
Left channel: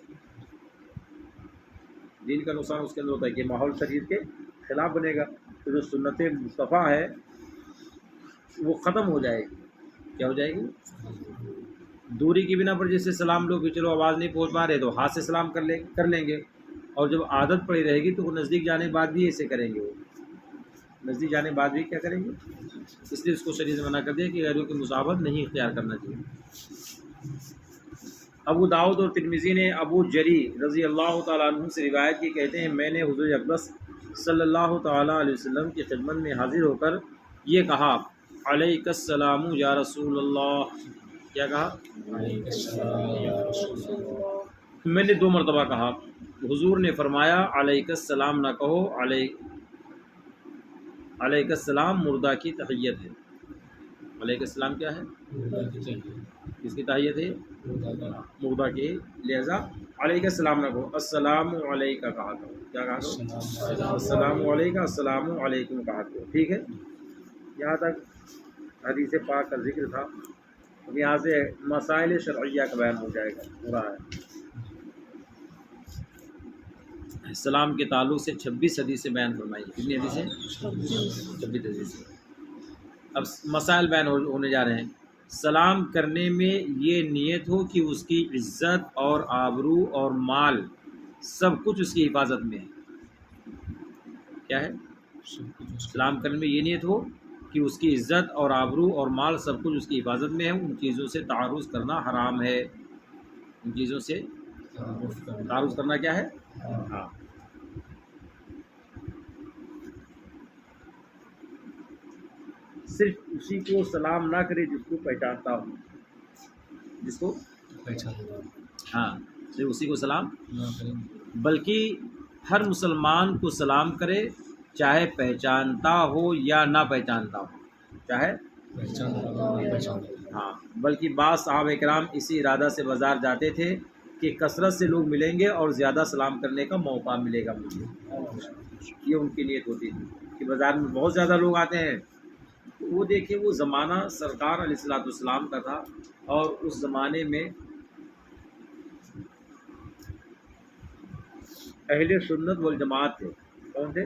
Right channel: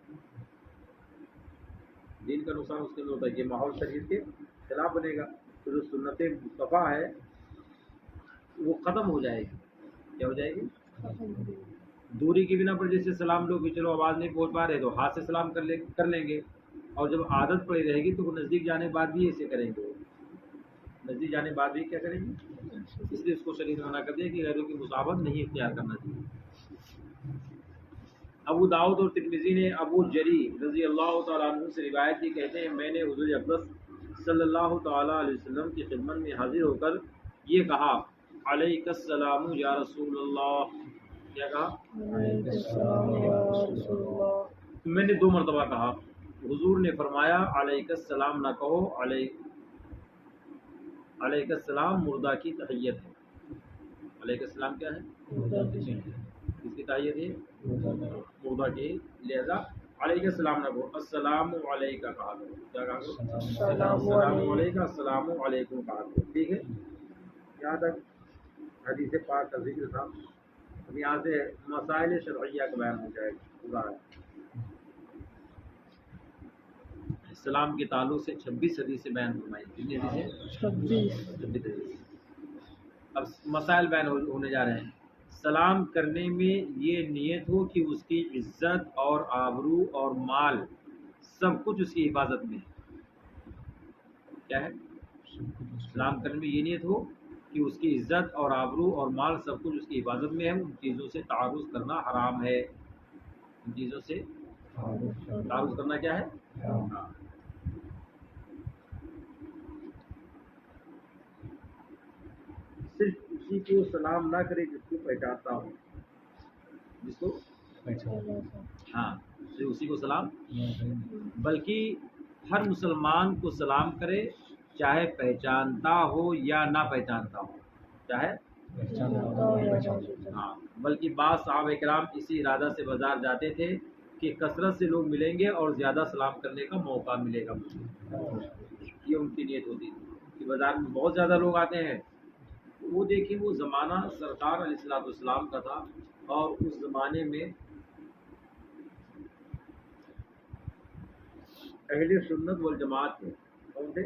دین کا نقصان اس کے اندر ہوتا ہے کہ ماحول شریر کے خلاف بنے گا، تو جو سنت مصطفیٰ ہے وہ ختم ہو جائے گی۔ کیا ہو جائے گی، دوری کی بنا پر جیسے سلام لوگ بھی چلو آواز نہیں پہنچ پا رہے تو ہاتھ سے سلام کر لیں گے، اور جب عادت پڑی رہے گی تو وہ نزدیک جانے کے بعد بھی ایسے کریں گے، وہ نزدیک جانے کے بعد بھی کیا کریں گے، اس لیے اس کو شریعت نے منع کر دیا کہ غیروں کی مصاحبت نہیں اختیار کرنا چاہیے۔ ابو داؤد اور ترمذی نے ابو جری رضی اللہ تعالیٰ عنہ سے روایت کی، کہتے ہیں میں نے حضور اقدس صلی اللہ تعالیٰ علیہ وسلم کی خدمت میں حاضر ہو کر یہ کہا، علیک السلام یا رسول اللہ، کیا کہا، علیک السلام یا رسول اللہ۔ میں نے 2 مرتبہ کہا، حضور نے فرمایا علیک السلام نہ کہو، علیک السلام مردہ کی تحیت ہے۔ علیک السلام کیا ہے، کس کی تحیت ہے، مردہ کی، لہذا علیک السلام نہ کہو، السلام علیکہ کہا کرو، کیا کہا کرو، السلام علیکہ، السلام علیکم کہا کرو، ٹھیک ہے۔ یہاں تک حدیث پاک کا ذکر تھا، اب یہاں سے مسائل شرعیہ کا بیان ہو جائے گا پورا ہے۔ سلام کے تعلق سے 26 حدیثیں بیان فرمائی، کتنی حدیثیں، 26 حدیثیں۔ اب مسائل بیان ہونے جا رہے ہیں۔ سلام کرنے میں یہ نیت ہو کہ اس کی عزت اور آبرو اور مال سب کچھ اس کی حفاظت میں ہے، کیا ہے، سلام کرنے میں یہ نیت ہو کہ اس کی عزت اور آبرو اور مال سب کچھ اس کی حفاظت میں ہے، ان چیزوں سے تعارض کرنا حرام ہے، ان چیزوں سے تعارض کرنا کیا ہے، ہاں۔ صرف اسی کو سلام نہ کرے جس کو پہچانتا ہو، جس کو ہاں صرف اسی کو سلام، بلکہ ہر مسلمان کو سلام کرے، چاہے پہچانتا ہو یا نہ پہچانتا ہو، چاہے ہاں، بلکہ بعض صحابہ کرام اسی ارادہ سے بازار جاتے تھے کہ کثرت سے لوگ ملیں گے اور زیادہ سلام کرنے کا موقع ملے گا مجھے، یہ ان کی نیت ہوتی تھی کہ بازار میں بہت زیادہ لوگ آتے ہیں۔ وہ دیکھیں وہ زمانہ سرکار علیہ الصلوۃ والسلام کا تھا، اور اس زمانے میں اہل سنت والجماعت تھے، کون تھے،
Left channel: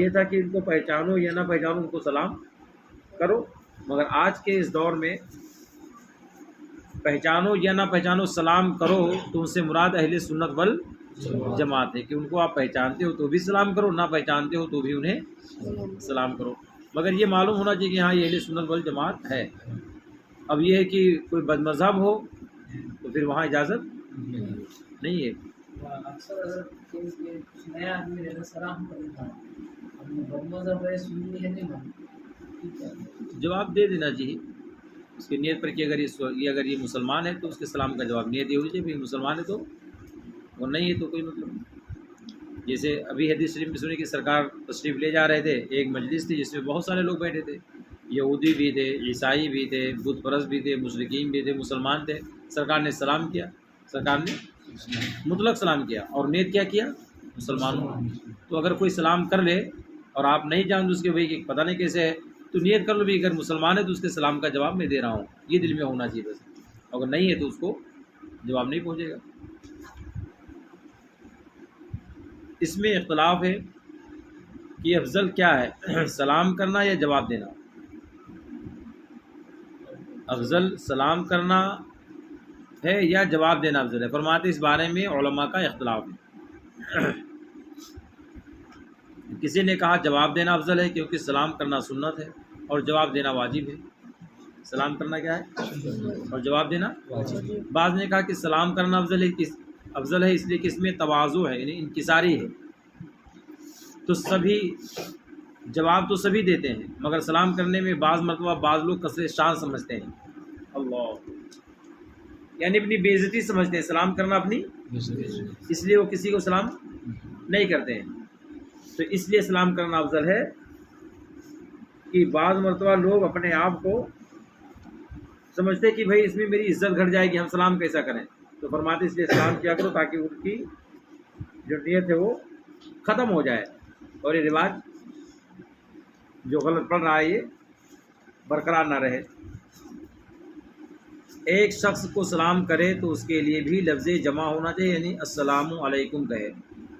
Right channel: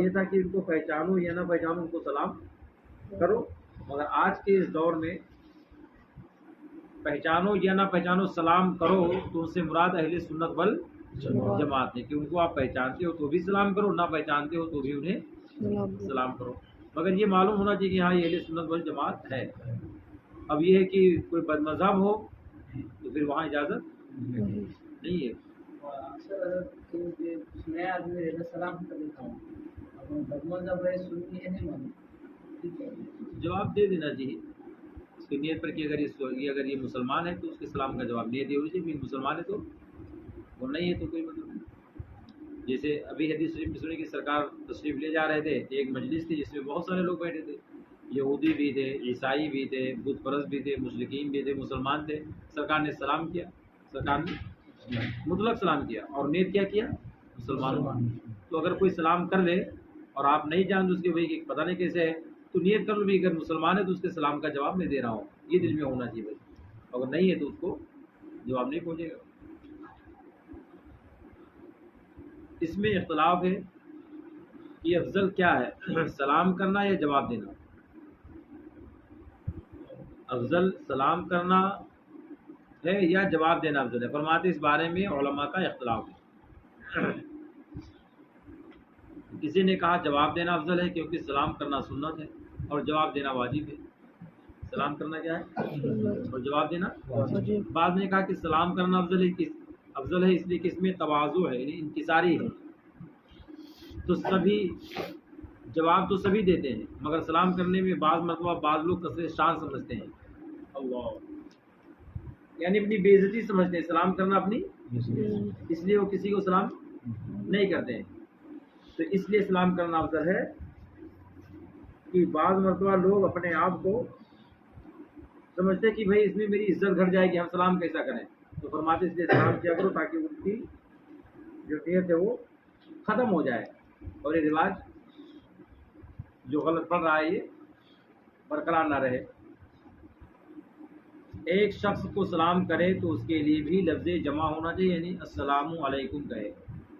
یہ تھا کہ ان کو پہچانو یا نہ پہچانو ان کو سلام کرو۔ مگر آج کے اس دور میں پہچانو یا نہ پہچانو سلام کرو تو ان سے مراد اہل سنت والجماعت ہے، کہ ان کو آپ پہچانتے ہو تو بھی سلام کرو، نہ پہچانتے ہو تو بھی انہیں سلام کرو۔ مگر یہ معلوم ہونا چاہیے کہ ہاں یہ اہل سنت والجماعت ہے۔ اب یہ ہے کہ کوئی بد مذہب ہو تو پھر وہاں اجازت نہیں ہے۔ اکثر اگر کچھ نیا آدمی رہتا سلام کر دیتا ہوں، اب بد مذہب ہے، سنی ہے، نہیں مانتا، ٹھیک ہے، جواب دے دینا چاہیے اس کی نیت پر کہ اگر یہ مسلمان ہے تو اس کے سلام کا جواب نیت یہ ہوئی چاہیے، مسلمان ہے تو اور نہیں ہے تو کوئی مطلب نہیں۔ جیسے ابھی حدیث شریف میں سنی کہ سرکار تشریف لے جا رہے تھے، ایک مجلس تھی جس میں بہت سارے لوگ بیٹھے تھے، یہودی بھی تھے، عیسائی بھی تھے، بت پرست بھی تھے، مشرکین بھی تھے، مسلمان تھے۔ سرکار نے سلام کیا، سرکار نے مطلق سلام کیا، اور نیت کیا کیا؟ مسلمانوں۔ تو اگر کوئی سلام کر لے اور آپ نہیں جانتے اس کے بھائی کہ پتہ نہیں کیسے ہے، تو نیت کر لو بھی اگر مسلمان ہے تو اس کے سلام کا جواب میں دے رہا ہوں، یہ دل میں ہونا چاہیے بس۔ اگر نہیں ہے تو اس کو جواب نہیں پہنچے گا۔ اس میں اختلاف ہے کہ افضل کیا ہے، سلام کرنا یا جواب دینا؟ افضل سلام کرنا ہے یا جواب دینا افضل ہے؟ فرماتے اس بارے میں علماء کا اختلاف ہے۔ کسی نے کہا جواب دینا افضل ہے کیونکہ سلام کرنا سنت ہے اور جواب دینا واجب ہے۔ سلام کرنا کیا ہے اور جواب دینا واجب۔ بعض نے کہا کہ سلام کرنا افضل ہے اس لیے کہ اس میں تواضع ہے، یعنی انکساری ہے، تو سبھی جواب تو سبھی دیتے ہیں، مگر سلام کرنے میں بعض مرتبہ بعض لوگ کثرت شان سمجھتے ہیں، اللہ، یعنی اپنی بے عزتی سمجھتے ہیں، سلام کرنا اپنی، اس لیے وہ کسی کو سلام نہیں کرتے ہیں۔ تو اس لیے سلام کرنا افضل ہے کہ بعض مرتبہ لوگ اپنے آپ کو سمجھتے کہ بھائی اس میں میری عزت گھٹ جائے گی، ہم سلام کیسا کریں، تو فرماتے اس لیے سلام کیا کرو تاکہ ان کی جو نیت ہے وہ ختم ہو جائے اور یہ رواج جو غلط پڑ رہا ہے یہ برقرار نہ رہے۔ ایک شخص کو سلام کرے تو اس کے لیے بھی لفظ جمع ہونا چاہیے، یعنی السلام علیکم کہے،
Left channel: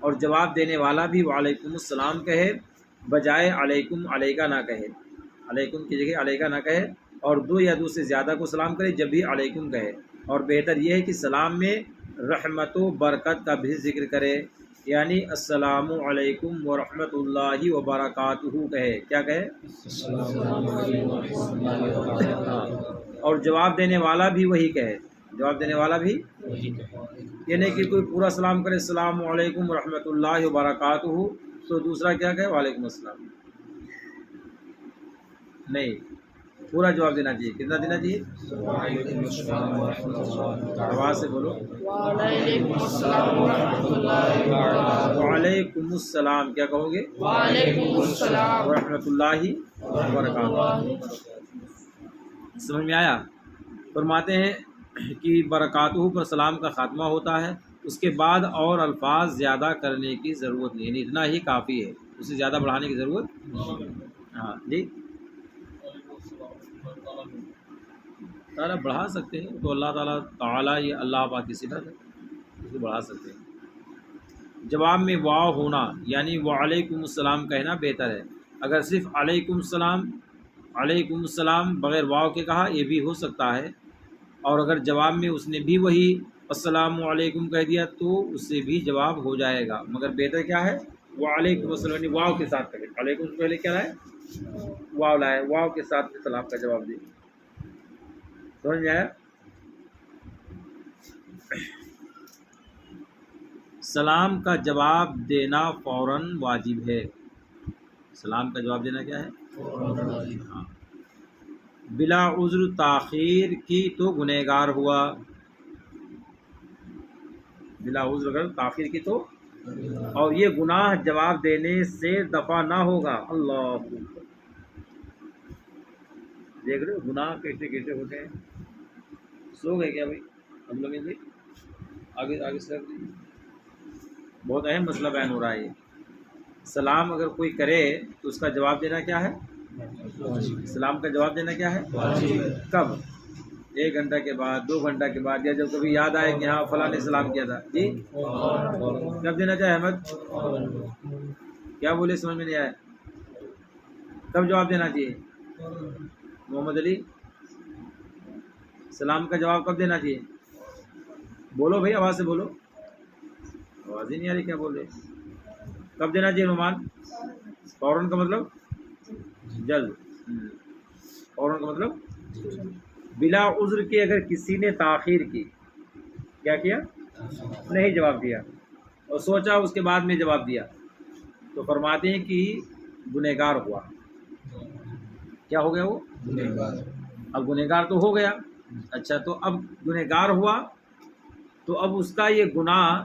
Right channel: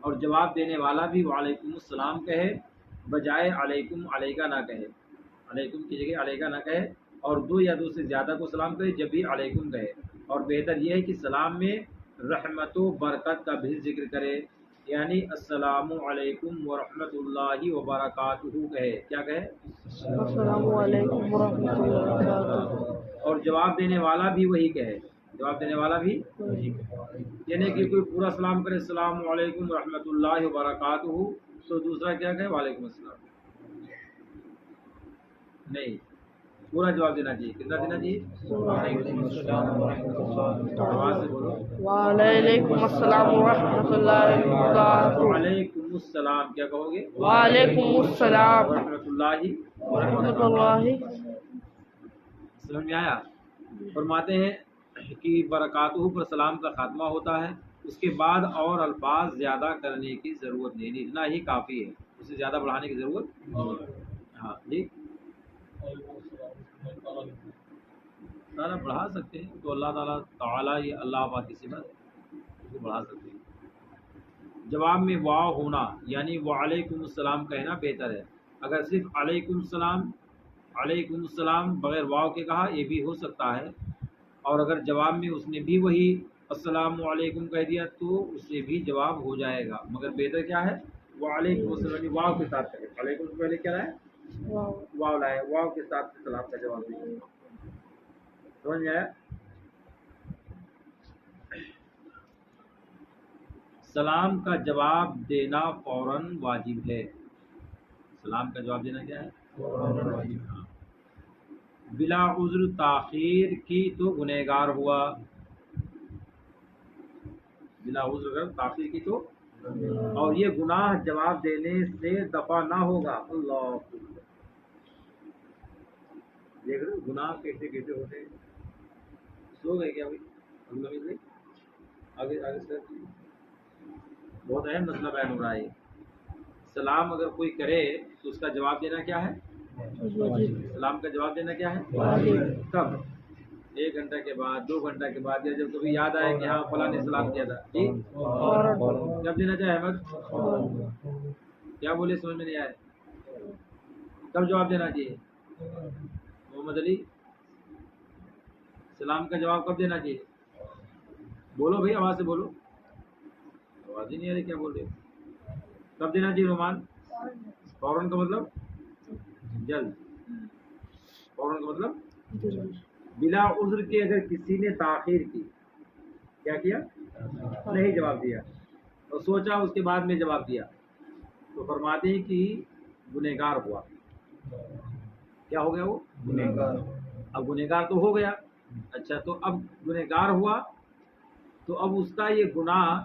اور جواب دینے والا بھی وعلیکم السلام کہے، بجائے علیکم علیکہ نہ کہے، علیکم کی جگہ علیکہ نہ کہے، اور دو یا دو سے زیادہ کو سلام کرے جب بھی علیکم کہے۔ اور بہتر یہ ہے کہ سلام میں رحمت و برکت کا بھی ذکر کرے، یعنی السلام علیکم ورحمۃ اللہ وبرکاتہ کہے، کیا کہے؟ اور جواب دینے والا بھی وہی کہے، جواب دینے والا بھی یعنی کہ کوئی پورا سلام کرے السلام علیکم ورحمۃ اللہ وبرکاتہ تو دوسرا کیا کہے؟ وعلیکم السلام، نہیں، پورا جواب دینا چاہیے۔ کتنا دینا چاہیے؟ آواز سے بولو۔ وعلیکم السلام ورحمۃ اللہ وبرکاتہ۔ وعلیکم السلام کیا کہو گے؟ وعلیکم السلام ورحمۃ اللہ وبرکاتہ۔ سمجھ میں آیا؟ فرماتے ہیں کہ برکاتہ پر سلام کا خاتمہ ہوتا ہے، اس کے بعد اور الفاظ زیادہ کرنے کی ضرورت نہیں، یعنی اتنا ہی کافی ہے، اسے زیادہ بڑھانے کی ضرورت۔ ہاں جی، تعالیٰ بڑھا سکتے ہیں تو اللہ تعالیٰ تعالیٰ یہ اللہ پاک کی صفت ہے، اس کو بڑھا سکتے ہیں۔ جواب میں واو ہونا یعنی وعلیکم السلام کہنا بہتر ہے۔ اگر صرف علیکم السلام بغیر واو کے کہا یہ بھی ہو سکتا ہے، اور اگر جواب میں اس نے بھی وہی السلام علیکم کہہ دیا تو اس سے بھی جواب ہو جائے گا، مگر بہتر کیا ہے؟ وعلیکم السلام یعنی واو کے ساتھ کہے، علیکم سے پہلے کیا ہے؟ واو لائے، واو کے ساتھ سلام کا جواب دیں۔ سمجھ میں آیا؟ سلام کا جواب دینا فوراً واجب ہے۔ سلام کا جواب دینا کیا ہے؟ ہاں۔ بلا عذر تاخیر کی تو گنہگار ہوا، بلا عذر اگر تاخیر کی تو، اور یہ گناہ جواب دینے سے دفع نہ ہوگا۔ اللہ دیکھ رہے ہو گناہ کیسے کیسے ہوتے ہیں۔ سو گئے کیا بھائی؟ ہم لوگ آگے سر دیجیے، بہت اہم مسئلہ بیان ہو رہا ہے۔ سلام اگر کوئی کرے تو اس کا جواب دینا کیا ہے؟ سلام کا جواب دینا کیا ہے؟ کب؟ 1 گھنٹہ کے بعد، 2 گھنٹہ کے بعد، یا جب کبھی یاد آئے کہ ہاں فلاں نے سلام کیا تھا، جی کب دینا چاہے؟ احمد کیا بولے؟ سمجھ میں نہیں آیا، کب جواب دینا چاہیے؟ محمد علی سلام کا جواب کب دینا چاہیے؟ بولو بھائی، آواز سے بولو، آواز ہی نہیں آ رہی، کیا بول رہے؟ کب دینا چاہیے نعمان؟ فوراً کا مطلب جلد، فوراً کا مطلب بلا عذر کے۔ اگر کسی نے تاخیر کی، کیا کیا؟ نہیں جواب دیا، اور سوچا اس کے بعد میں جواب دیا، تو فرماتے ہیں کہ گنہگار ہوا۔ کیا ہو گیا وہ؟ گنہگار۔ اب گنہگار تو ہو گیا، اچھا تو اب گنہگار ہوا تو اب اس کا یہ گناہ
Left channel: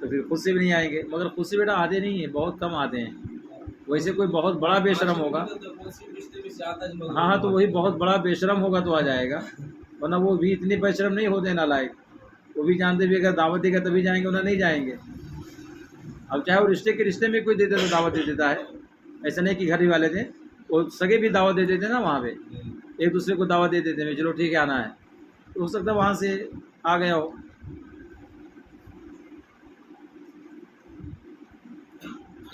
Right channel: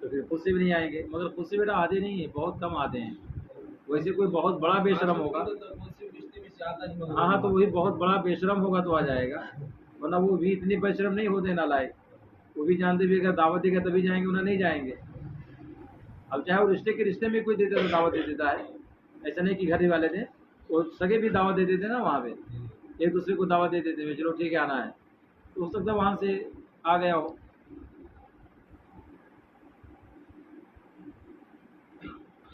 تو پھر خود سے بھی نہیں آئیں گے، مگر خود سے بیٹا آتے نہیں ہیں، بہت کم آتے ہیں. ویسے کوئی بہت بڑا بے شرم ہوگا، ہاں تو وہی بہت بڑا بے شرم ہوگا تو آ جائے گا، ورنہ وہ بھی اتنے بے شرم نہیں ہوتے نالائق. وہ بھی جانتے بھی اگر دعوت دے گا تبھی جائیں گے، انہیں نہیں جائیں گے. اب چاہے وہ رشتے میں کوئی دیتا تو دعوت دے دیتا ہے، ایسا نہیں کہ گھر ہی والے تھے، وہ سگے بھی دعوت دے دیتے نا، وہاں پہ ایک دوسرے کو دعوت دے دیتے ہیں چلو ٹھیک ہے آنا ہے، تو ہو سکتا ہے وہاں سے آ گیا ہو.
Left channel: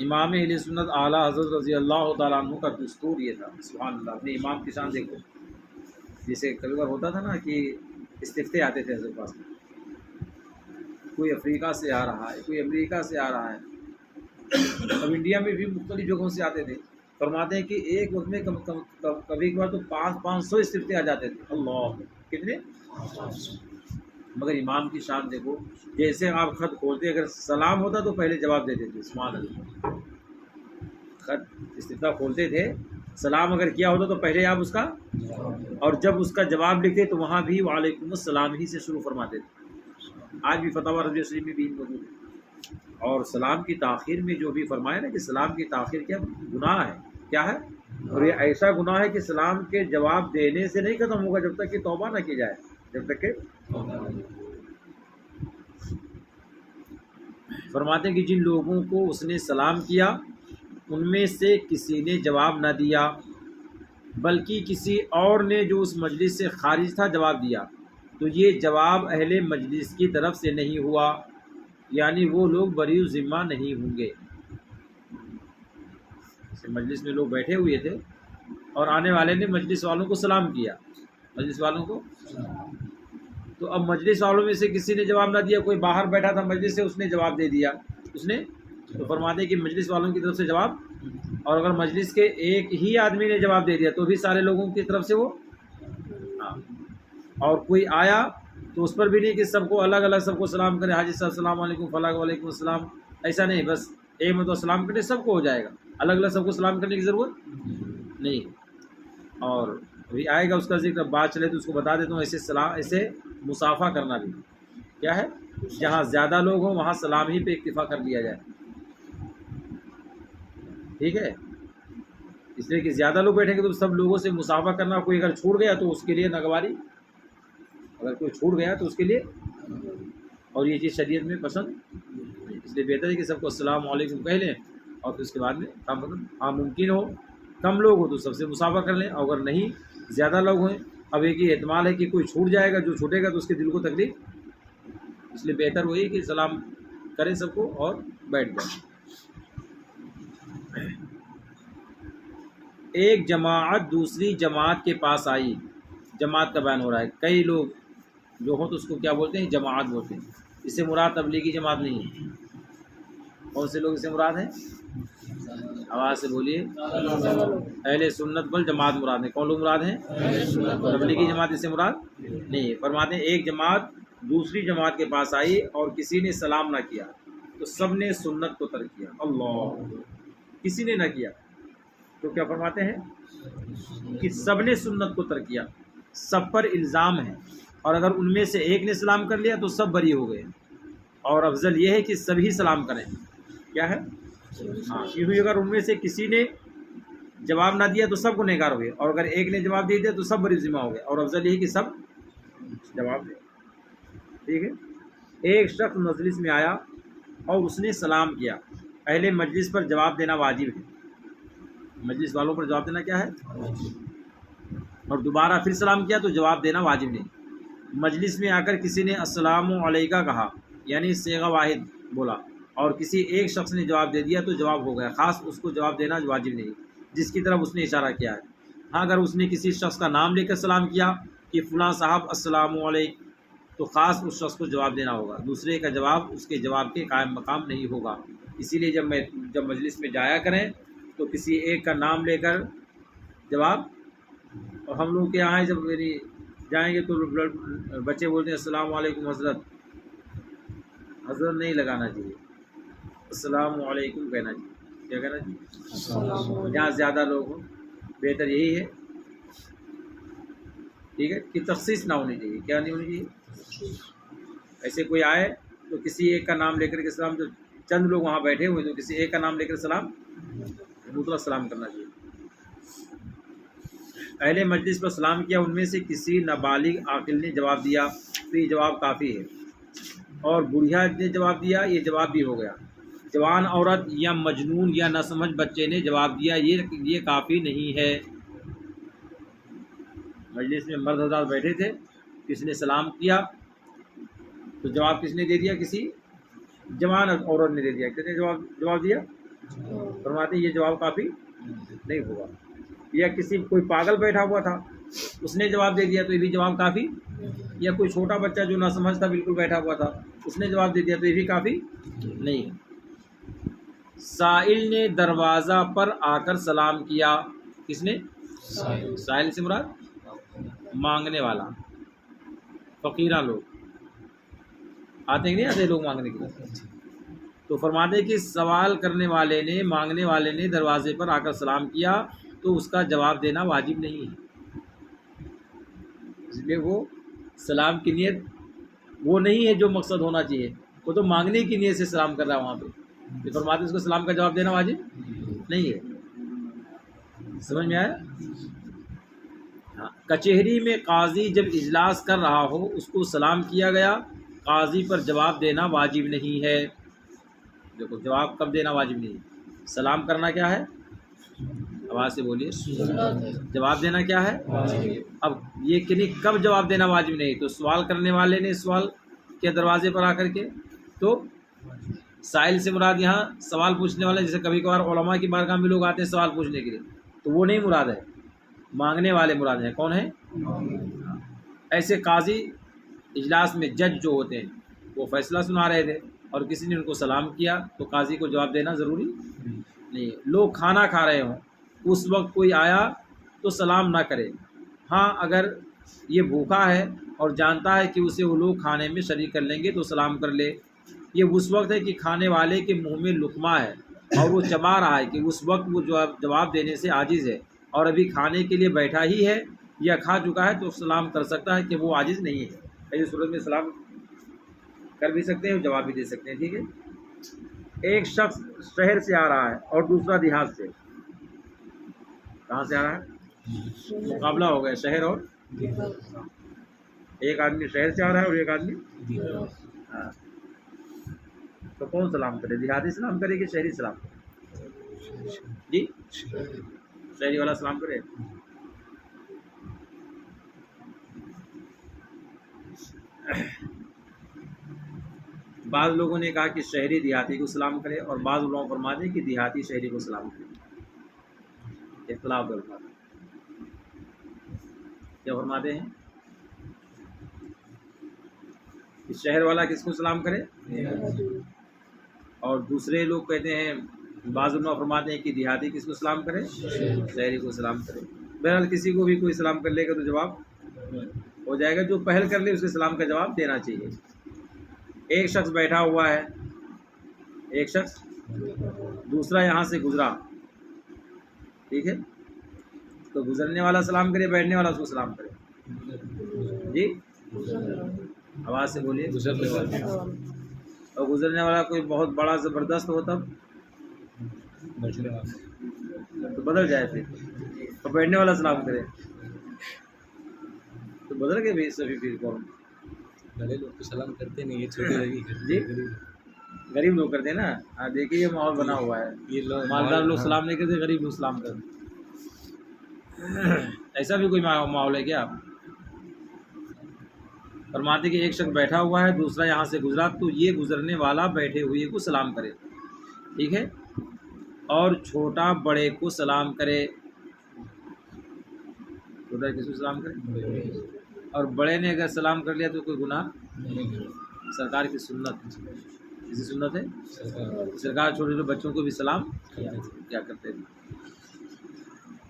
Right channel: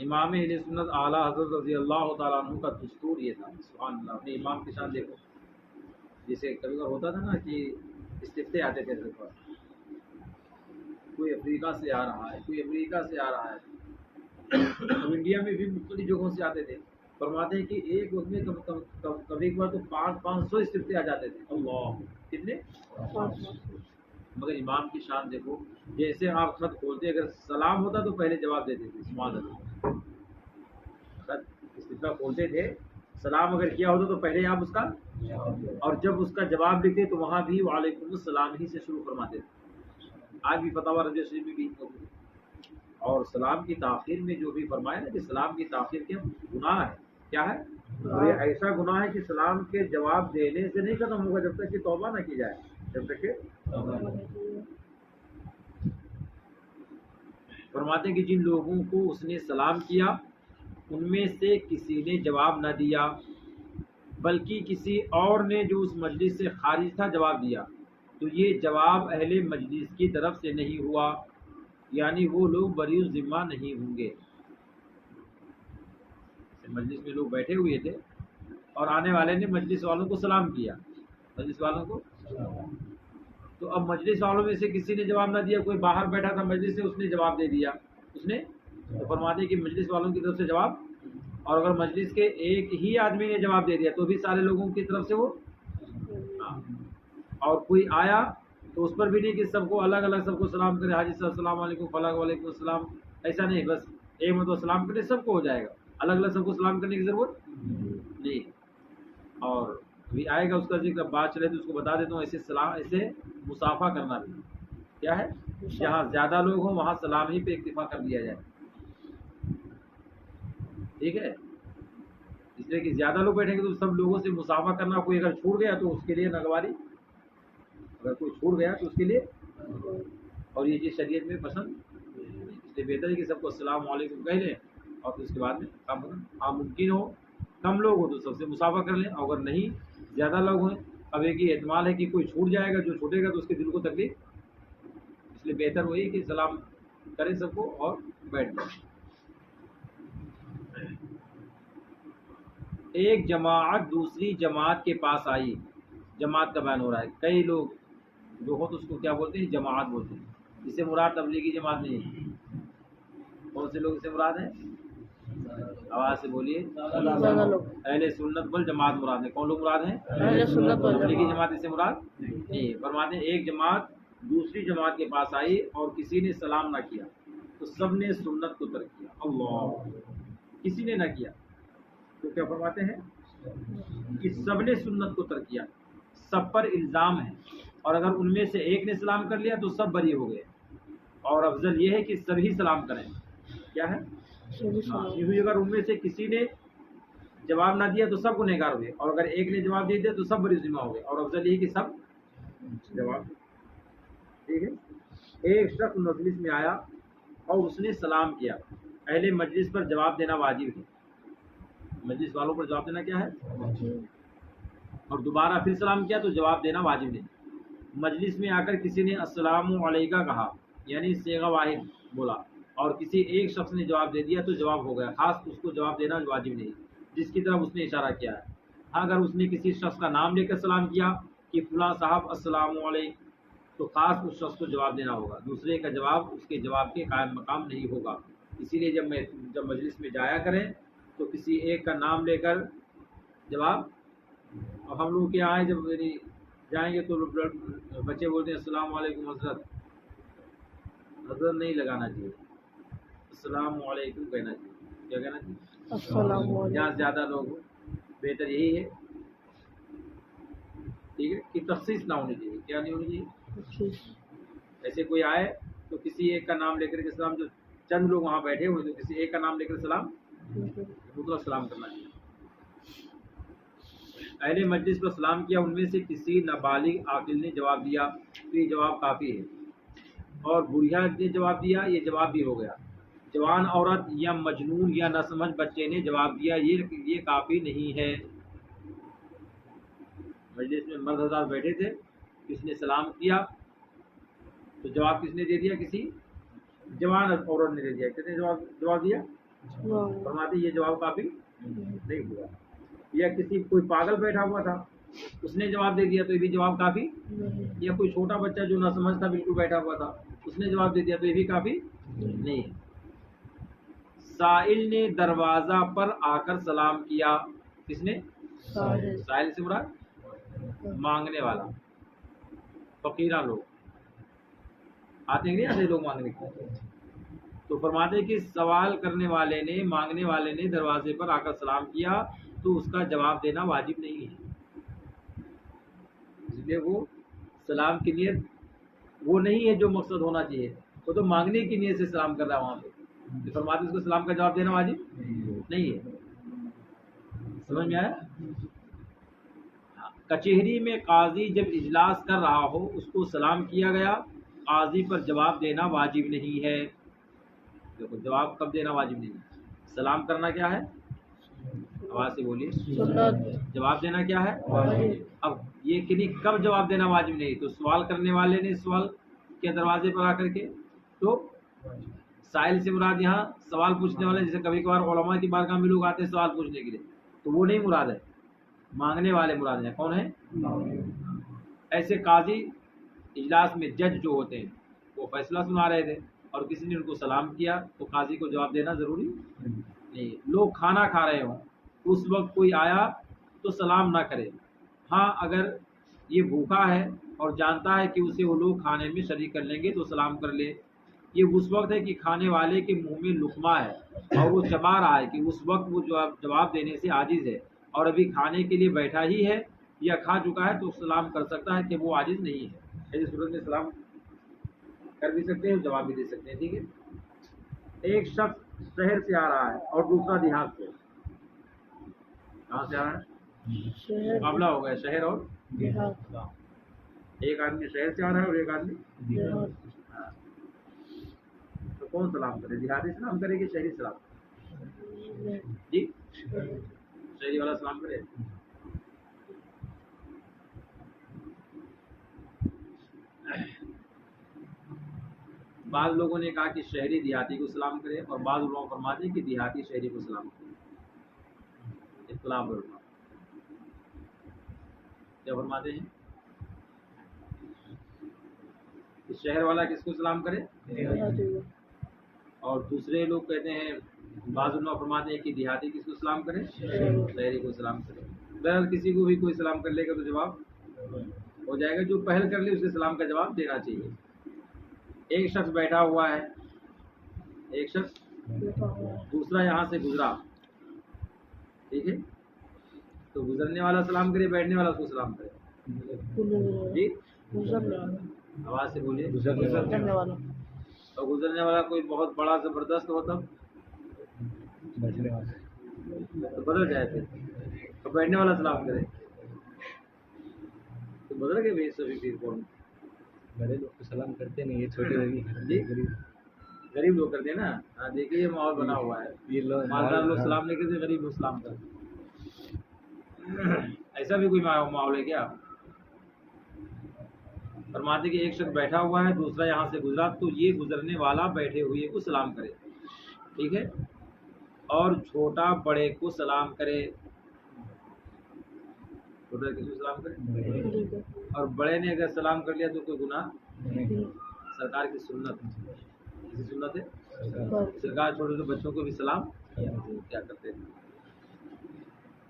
امام اہل سنت اعلیٰ حضرت رضی اللہ تعالیٰ عنہ کا دستور یہ تھا. سبحان اللہ، اپنے امام کی شان دیکھو. جیسے کبھی بار ہوتا تھا نا کہ استفتے آتے تھے حضرت پاس، کوئی افریقہ سے آ رہا ہے، کوئی امریکہ سے آ رہا ہے، اب انڈیا میں بھی مختلف جگہوں سے آتے تھے. فرماتے ہیں کہ ایک وقت میں کبھی کبھار تو 500 استفتے آ جاتے تھے. اللہ، کتنے؟ مگر امام کی شان دیکھو، جیسے آپ خط کھولتے اگر سلام ہوتا تو پہلے جواب دیتے تھے. سبحان اللہ، خط استفتاء کھولتے تھے، سلام اگر کیا ہوتا تو پہلے آپ اس کا، اور جب اس کا جواب لکھتے تو وہاں بھی وعلیکم السلام ہی سے شروع فرماتے تھے. آج بھی فتاوی رضویہ شریف میں بھی موجود ہے. اور سلام کی تاخیر میں جو بھی فرمایا نا کہ سلام کی تاخیر کیا گناہ ہے، کیا ہے؟ اور یہ ایسا گناہ ہے کہ سلام کے جواب دینے سے نہیں ختم ہوگا جب تک کہ توبہ نہ کی جائے، جب تک کہ فرماتے ہیں کہ جن لوگوں کو اس نے سلام کیا ان میں سے کسی نے جواب نہ دیا بلکہ کسی اور نے جو اس مجلس سے خارج تھا جواب دیا، تو یہ جواب اہل مجلس کی طرف سے نہیں ہوا، یعنی وہ لوگ بری ذمہ نہیں ہوں گے. مجلس میں لوگ بیٹھے ہوئے تھے اور آنے والے نے مجلس والوں کو سلام کیا، مجلس والوں کو، تو اب مجلس والوں میں سے کسی نے جواب نہ دیا، کوئی باہر بیٹھا تھا مجلس سے اس نے جواب دے دیا، اس نے تو فرماتے ہیں کہ مجلس والوں کی طرف سے جواب، اور اگر مجلس کے ایک ہی آدمی نے جواب دے دیا تو بھی سارے لوگوں کی طرف سے وہ، اور کوئی آیا تو اس پر بھی نہیں کہ سب کو الگ الگ سب کو سلام کرے، حاجی صاحب السلام علیکم، فلاں وعلیکم السلام، ایسا نہیں، بس ایک میں تو سلام کرے سب کو ہو جائے گا، الگ الگ سب کو سلام کرنے کی ضرورت نہیں. اور ابھی آئے گا اس کا ذکر، بات چلے تو اس کو بتا دیتا ہوں. ایسے سلام، ایسے مصافحہ کرنا بھی کیا ہے، جہاں زیادہ لوگ ہوں وہاں سلام ہی پہ اکتفا کر لیا جائے، ٹھیک ہے، اس لیے کہ زیادہ لوگ بیٹھیں گے تو سب لوگوں سے مصافحہ کرنا، کوئی اگر چھوٹ گیا تو اس کے لیے ناگواری، اگر کوئی چھوٹ گیا تو اس کے لیے، اور یہ چیز شریعت میں پسند نہیں. اس لیے بہتر ہے کہ سب کو السلام علیکم کہہ لیں اور پھر اس کے بعد میں کام کریں. ہاں ممکن ہو کم لوگ ہو تو سب سے مصافحہ کر لیں، اور اگر نہیں زیادہ لوگ ہیں، اب ایک ہی احتمال ہے کہ کوئی چھوٹ جائے گا، جو چھوٹے گا تو اس کے دل کو تکلیف، اس لیے بہتر وہی کہ سلام کریں سب کو اور بیٹھ جائیں. ایک جماعت دوسری جماعت کے پاس آئی، جماعت کا بیان ہو رہا ہے، کئی لوگ جو ہو تو اس کو کیا بولتے ہیں، جماعت بولتے ہیں. اس سے مراد تبلیغی جماعت نہیں ہے. کون سے لوگ اس سے مراد ہیں؟ آواز سے بولیے. اہل سنت والجماعت مراد ہے. کون لوگ مراد ہیں؟ تبلیغی جماعت اس سے مراد نہیں ہے. فرماتے ہیں ایک جماعت دوسری جماعت کے پاس آئی اور کسی نے سلام نہ کیا تو سب نے سنت کو ترک کیا. اللہ، کسی نے نہ کیا تو کیا فرماتے ہیں کہ سب نے سنت کو ترک کیا. سب پر الزام ہے، اور اگر ان میں سے ایک نے سلام کر لیا تو سب بری ہو گئے، اور افضل یہ ہے کہ سبھی سلام کریں. کیا ہے؟ یہ ہوئی اگر ان میں سے کسی نے جواب نہ دیا تو سب کو نگار ہوئے، اور اگر ایک نے جواب دے دیا تو سب بری ذمہ ہو گئے، اور افضل یہ کہ سب جواب دیں. ٹھیک ہے. ایک شخص مجلس میں آیا اور اس نے سلام کیا، اہل مجلس پر جواب دینا واجب ہے. مجلس والوں پر جواب دینا کیا ہے؟ اور دوبارہ پھر سلام کیا تو جواب دینا واجب نہیں. مجلس میں آ کر کسی نے السلام علیکہ کہا، یعنی صیغہ واحد بولا، اور کسی ایک شخص نے جواب دے دیا تو جواب ہو گیا، خاص اس کو جواب دینا واجب نہیں جس کی طرف اس نے اشارہ کیا ہے. ہاں اگر اس نے کسی شخص کا نام لے کر سلام کیا کہ فلاں صاحب السلام علیکم، تو خاص اس شخص کو جواب دینا ہوگا، دوسرے کا جواب اس کے جواب کے قائم مقام نہیں ہوگا. اسی لیے جب مجلس میں جایا کریں تو کسی ایک کا نام لے کر جواب. اور ہم لوگ کے یہاں جب جائیں گے تو بچے بولتے ہیں السلام علیکم حضرت، حضرت نہیں لگانا چاہیے، السلام علیکم کہنا چاہیے. کیا کہنا چاہیے؟ جہاں زیادہ لوگ ہوں بہتر یہی ہے، ٹھیک ہے، کہ تخصیص نہ ہونی چاہیے. کیا نہیں ہونی چاہیے؟ ایسے کوئی آئے تو کسی ایک کا نام لے کر کے سلام، جو چند لوگ وہاں بیٹھے ہوئے تو کسی ایک کا نام لے کر سلام دوسرا سلام کرنا چاہیے۔ اہل مجلس پر سلام کیا، ان میں سے کسی نابالغ عاقل نے جواب دیا تو یہ جواب کافی ہے، اور بڑھیا نے جواب دیا یہ جواب بھی ہو گیا۔ جوان عورت یا مجنون یا ناسمجھ بچے نے جواب دیا یہ کافی نہیں ہے۔ مجلس میں مرد حضرات بیٹھے تھے، کسی نے سلام کیا تو جواب کس نے دے دیا؟ کسی جوان عورت نے دے دیا۔ کس نے جواب دیا؟ فرماتے یہ جواب کافی نہیں ہوا۔ یا کسی کوئی پاگل بیٹھا ہوا تھا اس نے جواب دے دیا تو یہ بھی جواب کافی، یا کوئی چھوٹا بچہ جو نہ سمجھ تھا بالکل بیٹھا ہوا تھا اس نے جواب دے دیا تو یہ بھی کافی نہیں ہے۔ سائل نے دروازہ پر آ کر سلام کیا، کس نے؟ سائل سے مراد مانگنے والا، فقیرہ لوگ آتے ہیں نہیں آتے لوگ مانگنے کے لیے، تو فرماتے کہ سوال کرنے والے نے، مانگنے والے نے دروازے پر آ کر سلام کیا تو اس کا جواب دینا واجب نہیں ہے، اس لیے وہ سلام کی نیت وہ نہیں ہے جو مقصد ہونا چاہیے، وہ تو مانگنے کی نیت سے سلام کر رہا ہے وہاں پہ، فرماتے اس کو سلام کا جواب دینا واجب نہیں ہے۔ سمجھ میں آیا؟ کچہری میں قاضی جب اجلاس کر رہا ہو اس کو سلام کیا گیا، قاضی پر جواب دینا واجب نہیں ہے۔ دیکھو جواب کب دینا واجب نہیں ہے؟ سلام کرنا کیا ہے؟ آواز سے بولیے، جواب دینا کیا ہے؟ اب یہ کہ نہیں کب جواب دینا واجب نہیں، تو سوال کرنے والے نے سوال کیا دروازے پر آ کر کے، تو سائل سے مراد یہاں سوال پوچھنے والا، جیسے کبھی کبھار علماء کی بارگاہ میں لوگ آتے ہیں سوال پوچھنے کے لیے تو وہ نہیں مراد ہے، مانگنے والے مراد ہیں۔ کون ہیں؟ ایسے قاضی اجلاس میں جج جو ہوتے ہیں وہ فیصلہ سنا رہے تھے اور کسی نے ان کو سلام کیا تو قاضی کو جواب دینا ضروری نہیں۔ لوگ کھانا کھا رہے ہوں اس وقت کوئی آیا تو سلام نہ کرے، ہاں اگر یہ بھوکا ہے اور جانتا ہے کہ اسے وہ لوگ کھانے میں شریک کر لیں گے تو سلام کر لے۔ یہ اس وقت ہے کہ کھانے والے کے منہ میں لقمہ ہے اور وہ چبا رہا ہے، کہ اس وقت وہ جواب دینے سے عاجز ہے اور ابھی کھانے کے لیے بیٹھا ہی ہے یا کھا چکا ہے تو سلام کر سکتا ہے کہ وہ عاجز نہیں ہے۔ ایسی صورت میں سلام کر بھی سکتے ہیں، جواب بھی دے سکتے ہیں، ٹھیک ہے۔ ایک شخص شہر سے آ رہا ہے اور دوسرا دیہات سے، کہاں سے آ رہا ہے؟ مقابلہ ہو گیا شہر اور ایک آدمی شہر سے آ رہا ہے اور ایک آدمی ہاں، تو کون سلام کرے؟ دیہاتی سلام کرے کہ شہری سلام؟ جی شہری والا سلام کرے۔ بعض لوگوں نے کہا کہ شہری دیہاتی کو سلام کرے اور بعض لوگوں فرماتے ہیں کہ دیہاتی شہری کو سلام کرے، اختلاف ہے۔ کیا فرماتے ہیں کہ شہر والا کس کو سلام کرے اور دوسرے لوگ کہتے ہیں، بعض لوگ فرماتے ہیں کہ دیہاتی کس کو سلام کرے؟ شہری کو سلام کرے۔ بہرحال کسی کو بھی کوئی سلام کر لے گا تو جواب ہو جائے گا، جو پہل کر لے اسے سلام کا جواب دینا چاہیے۔ ایک شخص بیٹھا ہوا ہے، ایک شخص دوسرا یہاں سے گزرا، ٹھیک ہے، تو گزرنے والا سلام کرے، بیٹھنے والا اس کو سلام کرے۔ جی آواز سے بولیے۔ اور گزرنے والا کوئی بہت بڑا زبردست ہو تب تو بدل جائے، پھر اور بیٹھنے والا سلام کرے تو بدل کے بھی سبھی پھر کون؟ بڑے لوگ تو سلام کرتے نہیں، یہ چھوٹے لوگ ہی جی غریب لوگ کرتے ہیں نا۔ ہاں دیکھیے یہ ماحول بنا ہوا ہے، یہ لوگ مالدار لوگ سلام نہیں کرتے، غریب لوگ سلام کرتے۔ ایسا بھی کوئی ماحول ہے کیا؟ فرماتے کہ ایک شخص بیٹھا ہوا ہے، دوسرا یہاں سے گزرا تو یہ گزرنے والا بیٹھے ہوئے کو سلام کرے، ٹھیک ہے، اور چھوٹا بڑے کو سلام کرے۔ چھوٹا کس کو سلام کرے؟ اور بڑے نے اگر سلام کر لیا تو کوئی گناہ؟ سرکار کی سنت، کسی سنت ہے سرکار چھوٹے چھوٹے بچوں کو بھی سلام کیا کرتے ہیں۔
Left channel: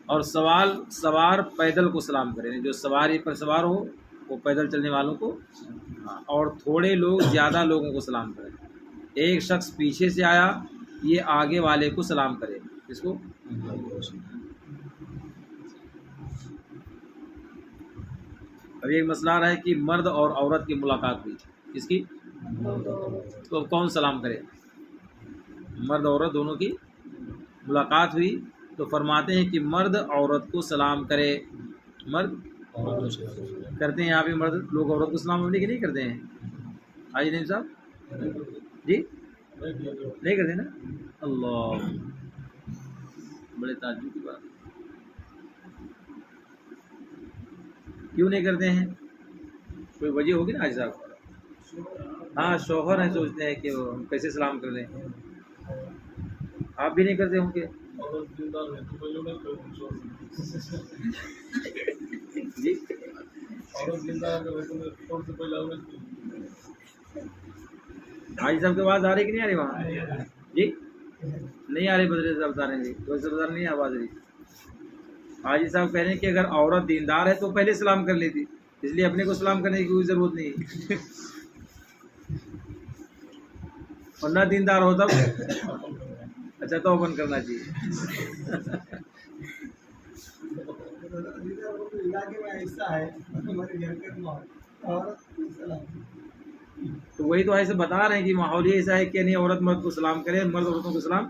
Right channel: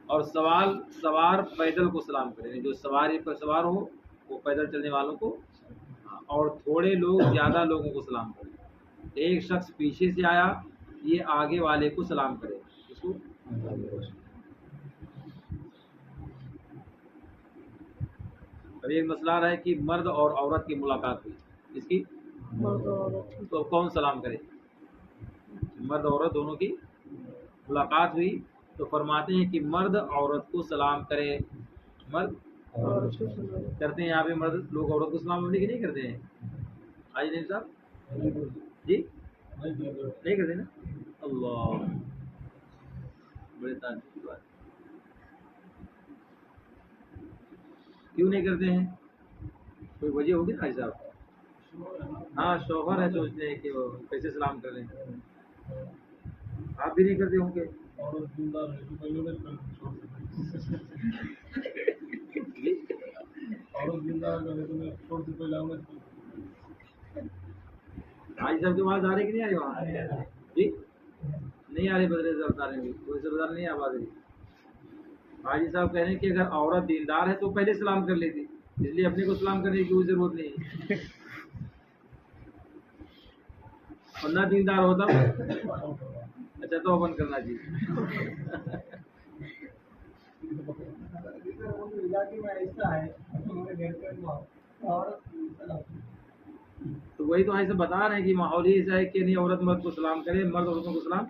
اور سوار پیدل کو سلام کرے، جو سواری پر سوار ہو وہ پیدل چلنے والوں کو، اور تھوڑے لوگ زیادہ لوگوں کو سلام کرے۔ ایک شخص پیچھے سے آیا، یہ آگے والے کو سلام کرے، اس کو۔ اب ایک مسئلہ ہے کہ مرد اور عورت کی ملاقات ہوئی، اس کی تو کون سلام کرے؟ مرد عورت دونوں کی ملاقات ہوئی تو فرماتے ہیں کہ مرد عورت کو سلام کرے. مرد کرتے ہیں یہاں پہ مرد لوگ عورت کو سلام کرنے کے نہیں کرتے ہیں؟ حاجی نعیم صاحب جی نہیں کرتے نا. اللہ بڑے تعجب کی بات. کیوں نہیں کرتے ہیں؟ کوئی وجہ ہوگی نا حاجی صاحب. ہاں شوہر ہیں سوچتے ہیں کہ وہ کیسے سلام کر لیں. آپ بھی نہیں کرتے ہوں گے جی؟ حاجی صاحب کی آواز آ رہی کہ نہیں آ رہی وہاں جی؟ نہیں آ رہی بدر صاحب بتا رہے ہیں کوئی سردار نہیں آواز رہی. حاجی صاحب کہہ رہے ہیں کہ اگر عورت دیندار ہے تو پہلے سلام کر لیتی, اس لیے اپنے کو سلام کرنے کی کوئی ضرورت نہیں. اور نہ دیندار ہوتا اچھا تو اوپن کرنا چاہیے. علاقے میں ایسا ہے ہمارے گھر کے عورت سلام تو وہی تو ایسے بتا رہے ہیں کہ ماحول ہی ایسا ہے کہ نہیں عورت مرد کو سلام کرے, مرد عورتوں کو سلام.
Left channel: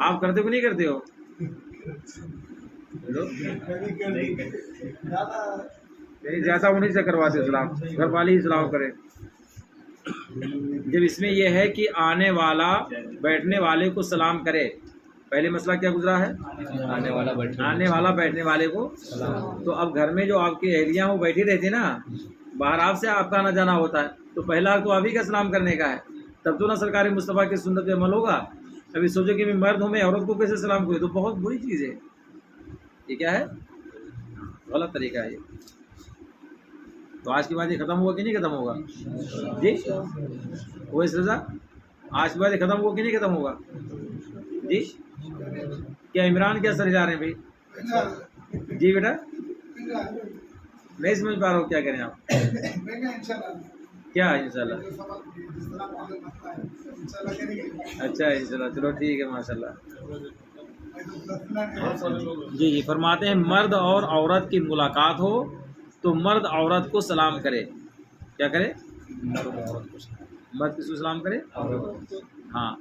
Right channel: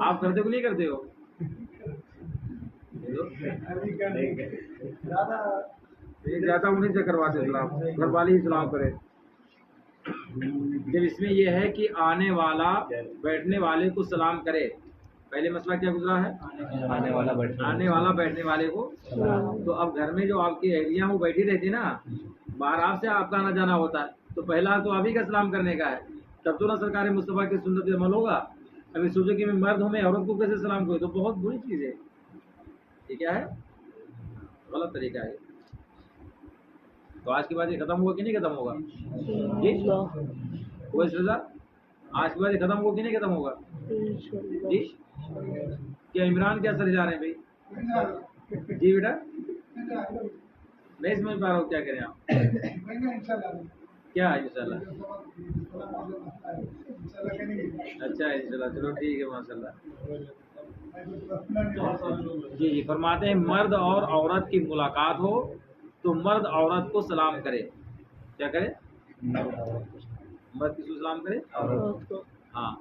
آپ کرتے ہو نہیں کرتے ہو؟ زیادہ انہیں سے کرواتے سلام, گھر والے ہی سلام کرے. جب اس میں یہ ہے کہ آنے والا بیٹھنے والے کو سلام کرے, پہلے مسئلہ کیا گزرا ہے؟ آنے والا بیٹھنے والے کو سلام. تو اب گھر میں جو آپ کی اہلیاں وہ بیٹھی رہتی نا, باہر آپ سے آپ کا آنا جانا ہوتا ہے, تو پہلا تو آپ ہی کا سلام کرنے کا ہے, تب تو نہ سرکار مصطفیٰ کی سنت پہ عمل ہوگا. ابھی سوچو کہ میں مرد ہوں, میں عورت کو کیسے سلام کروں, تو بہت بری چیز ہے. یہ کیا ہے؟ غلط طریقہ ہے. تو آج کے بعد یہ ختم ہوا کہ نہیں ختم ہوگا جی؟ وہ اس رضا آج کے بعد یہ ختم ہوا کہ نہیں ختم ہوگا جی؟ کیا عمران کیا سر جا رہے ہیں بھائی جی؟ بیٹا نہیں سمجھ پا رہا ہوں, کیا کریں آپ؟ کیا ہے انشاءاللہ؟ اچھا انشاءاللہ, چلو ٹھیک ہے ماشاء اللہ. جی جی فرماتے ہیں مرد اور عورت کی ملاقات ہو تو مرد عورت کو سلام کرے. کیا کرے؟ مرد کس کو سلام کرے؟ ہاں.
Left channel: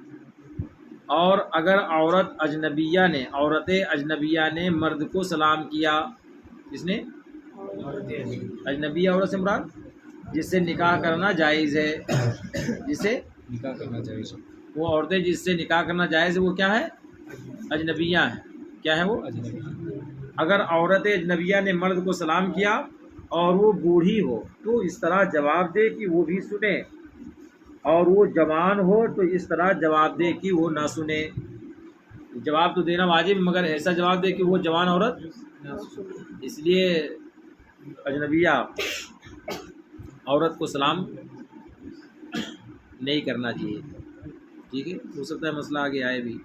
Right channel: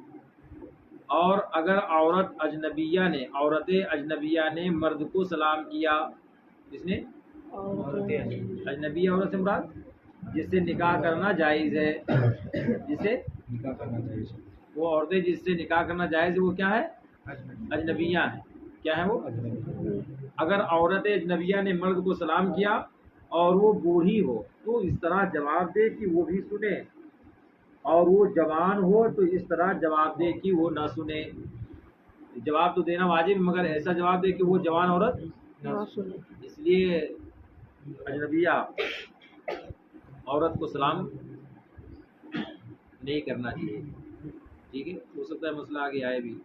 اور اگر عورت اجنبیہ نے مرد کو سلام کیا, جس نے اجنبیہ عورت سے مراد جس سے نکاح کرنا جائز ہے, جس سے نکاح کرنا جائز ہے, وہ عورتیں جس سے نکاح کرنا جائز ہے وہ کیا ہے؟ اجنبیہ ہیں. کیا ہے وہ؟ اگر عورت اجنبیہ نے مرد کو سلام کیا اور وہ بوڑھی ہو تو اس طرح جواب دے کہ وہ بھی سنے, اور وہ جوان ہو تو اس طرح جواب دے کہ وہ نہ سنے. جواب تو دینا واجب, مگر ایسا جواب دے کہ وہ جوان عورت نہ سنے. اس لیے اجنبیہ عورت کو سلام نہیں کرنا چاہیے. ٹھیک ہے, ہو سکتا ہے مسئلہ آگے آئے بھی.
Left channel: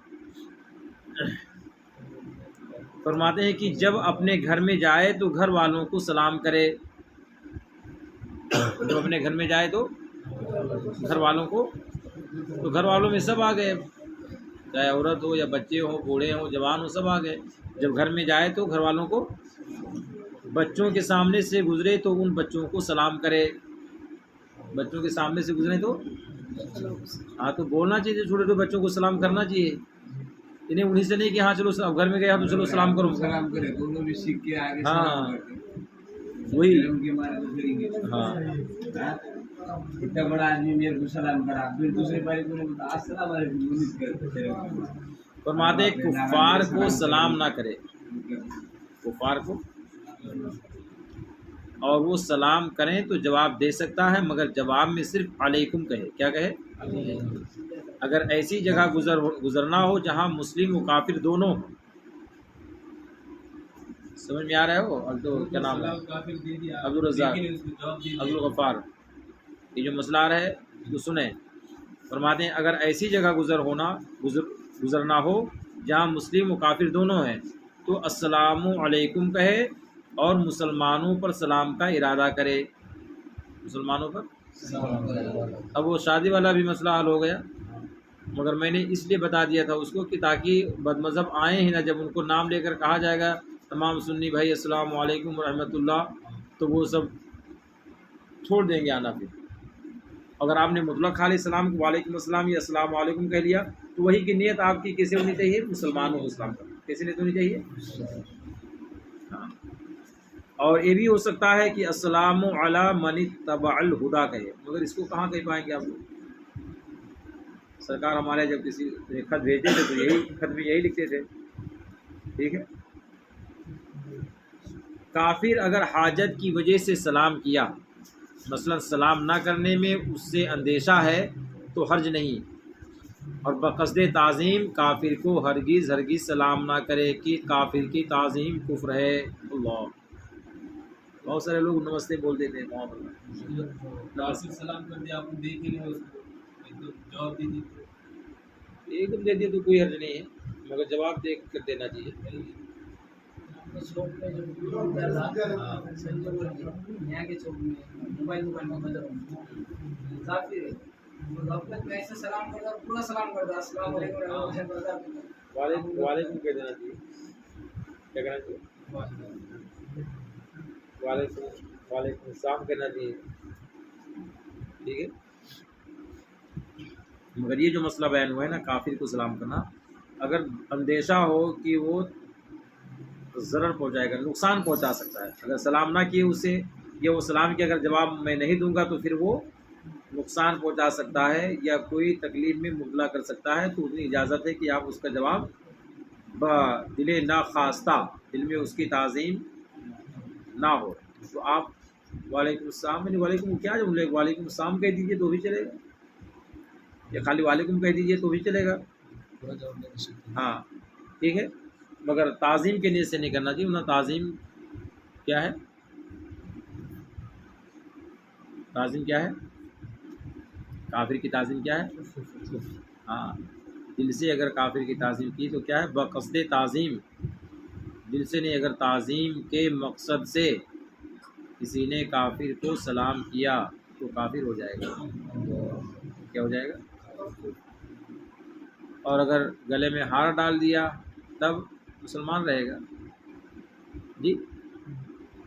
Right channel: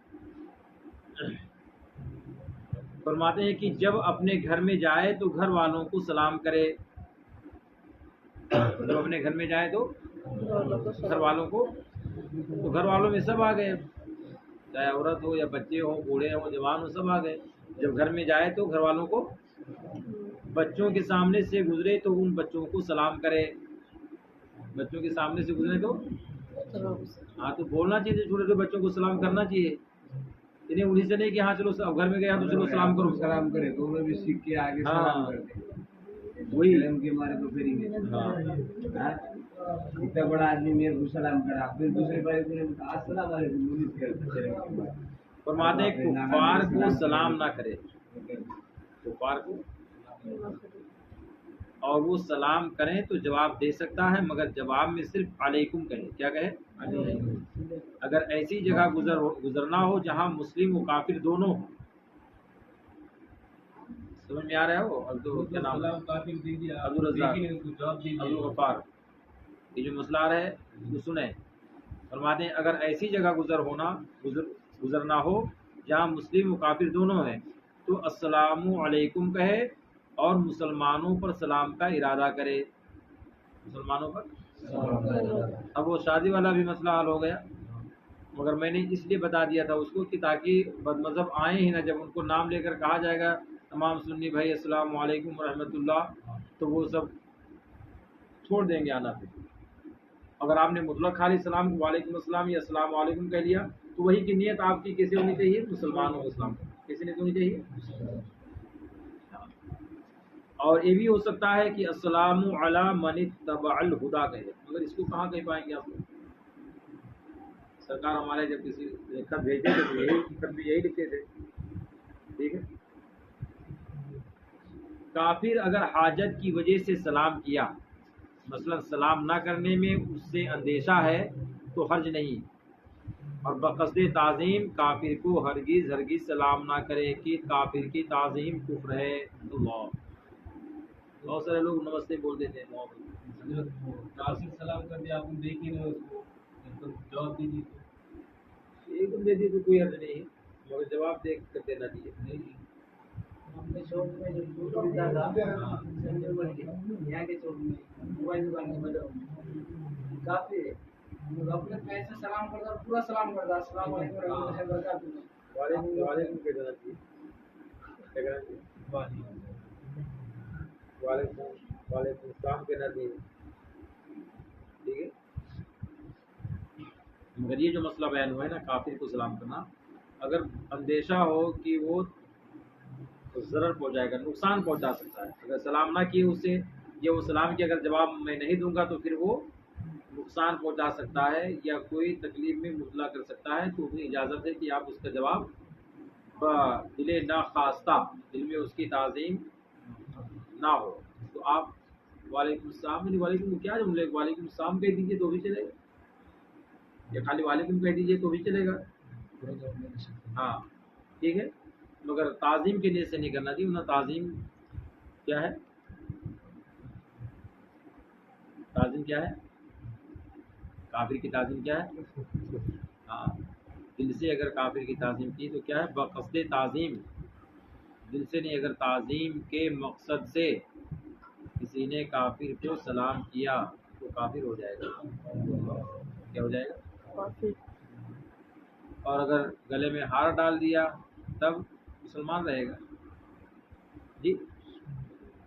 فرماتے ہیں کہ جب اپنے گھر میں جائے تو گھر والوں کو سلام کرے. جب اپنے گھر میں جائے تو گھر والوں کو, تو گھر والوں میں سب آ گئے, چاہے عورت ہو یا بچے ہوں, بوڑھے ہوں, جوان ہو, سب آ گئے. جب گھر میں جائے تو گھر والوں کو, بچوں کے سامنے سے گزرے تو ان بچوں کو سلام کرے. بچوں کے سامنے سے گزرے تو ہاں تو بولنا چاہیے, چھوٹے چھوٹے بچوں کو سلام کرنا چاہیے. انہیں انہیں سے نہیں کہ ہاں چلو گھر میں گیا تو چلو سلام کرو, سلام کرے تو وہ بھی سیکھ کے آگے سلام کرتے, وہی ان کے مارے تو پھر اتنا بڑا آدمی میرے کو سلام کرا, پھر دوسرے بھائی کو بتا السلام علیکم کرتے. فرماتے کفار کو سلام نہ کرے, کفار کو, اور وہ سلام کریں تو جواب دے سکتا ہے, مگر جواب میں صرف علیکم کہے. کیا کہے؟ اگر ایسی جگہ گزرنا ہو جہاں مسلم و کافر دونوں ہوں. سمجھ میں آ رہا ہے؟ وہ کیا نام ہے, عبدالرزاق, عبدالغفار. یہ جو مسئلہ آ رہا ہے اس کو سنیں. فرماتے ہیں اگر ایسی جگہ گزرنا ہو جہاں مسلم و کافر دونوں ہیں تو السلام علیکم کہے اور مسلمانوں پر سلام کا ارادہ کرے. مسلمانوں پر اب وہ شادی والا بھی مسئلہ حل ہو گیا, مگر میں نے اس لیے بتا دیا تھا اس کو کہ تاکہ بد مذہب آئیں ہی نہ, جب ان کو نام لے کر کہا جائے گا تمام سنی بھائی السلام علیکم ورحمۃ اللہ, تو وہ سب چھوڑ دیں گے آنا پھر. اگر آپ نے مطلق خالی سلام کو وعلیکم السلام یا السلام علیکم کہہ لیا تو وہی کی نیت آپ کی کیسے ہونی چاہیے؟ مسلمان ہو اسلام کا کیسے نیت ہونی چاہیے؟ ہاں۔ اور یہ بھی ہو سکتا ہے کہ السلام علی من اتبع الہدی کہے، مگر اس کو کہاں کہہ پائیں گے آپ لوگ؟ سرکار ہمارے جب کسی خط بھیجتے تھے تو یہی خط میں یہی لکھتے تھے، ٹھیک ہے۔ کافر اگر حاجت کی وجہ سے سلام کیا، مثلا سلام نہ کرنے میں اس سے اندیشہ ہے تو حرج نہیں، اور بقصد تعظیم کافر کو ہرگز سلام نہ کرے کہ کافر کی تعظیم کفر ہے۔ اللہ، بہت سارے لوگ نمستے بول دیتے ہیں، بہت ناصر سلام کر دیا، آپ نے دیکھ ہی نہیں اس کو، ایک تو جواب دے دی ایک دم دے دیے تو کوئی حرج نہیں ہے، مگر جواب دیکھ کر دینا چاہیے۔ اپنے چوک میں جو دودھ ملتا تھا سنجے بول کے یہاں کے چوک میں موبائل دکان میں بدل کافی ہے، غفلت میں ایسے سلام کرتا، پورا سلام کرتا، السلام علیکم ورحمۃ اللہ وبرکاتہ، وعلیکم کہہ دینا چاہیے، کیا کہنا چاہیے؟ وعلیکم السلام کہنا چاہیے، ٹھیک ہے۔ مگر یہ جو مسئلہ بیان ہوا ہے نا کافر کو سلام کرنا، اگر اندیشہ ہو کہ وہ ضرر پہنچائے گا، نقصان پہنچا سکتا ہے، اگر سلام نہ کیے اسے یا وہ سلام کے اگر جواب میں نہیں دوں گا تو پھر وہ نقصان پہنچا سکتا ہے یا کوئی تکلیف میں مبتلا کر سکتا ہے، تو اتنی اجازت ہے کہ آپ اس کا جواب دل ناخواستہ، دل میں اس کی تعظیم نہ ہو تو آپ وعلیکم السلام، یعنی وعلیکم کیا جملے، وعلیکم السلام کہہ دیجیے تو بھی چلے گا، یا خالی وعلیکم کہہ دیجیے تو بھی چلے گا، پورا جواب نہیں دے سکتے۔ ہاں ٹھیک ہے، مگر تعظیم کے نیت سے نہیں کرنا چاہیے، ورنہ تعظیم کیا ہے؟ تعظیم کیا ہے؟ کافر کی تعظیم کیا ہے؟ ہاں، دل سے اگر کافر کی تعظیم کی تو کیا ہے؟ بقصد تعظیم، دل سے نہیں، اگر تعظیم کے مقصد سے کسی نے کافر کو سلام کیا تو کافر ہو جائے گا، کیا ہو جائے گا؟ اور اگر گلے میں ہار ڈال دیا تب مسلمان رہے گا۔ جی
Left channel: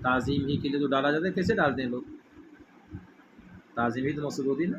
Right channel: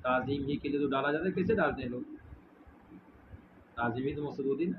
تعظیم ہی کے لیے تو ڈالا جاتا ہے، کیسے ڈالتے ہیں لوگ؟ تعظیم ہی تو مقصد ہوتی نا۔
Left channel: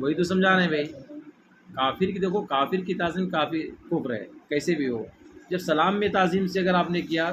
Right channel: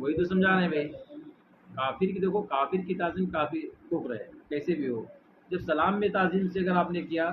وہی تو سمجھا رہے ہیں بھائی، کافر کی دیکھو، کافر کی تعظیم کافی کفر ہے کیسے بھی ہو، جب سلام میں تعظیم سے اگر آپ نے کیا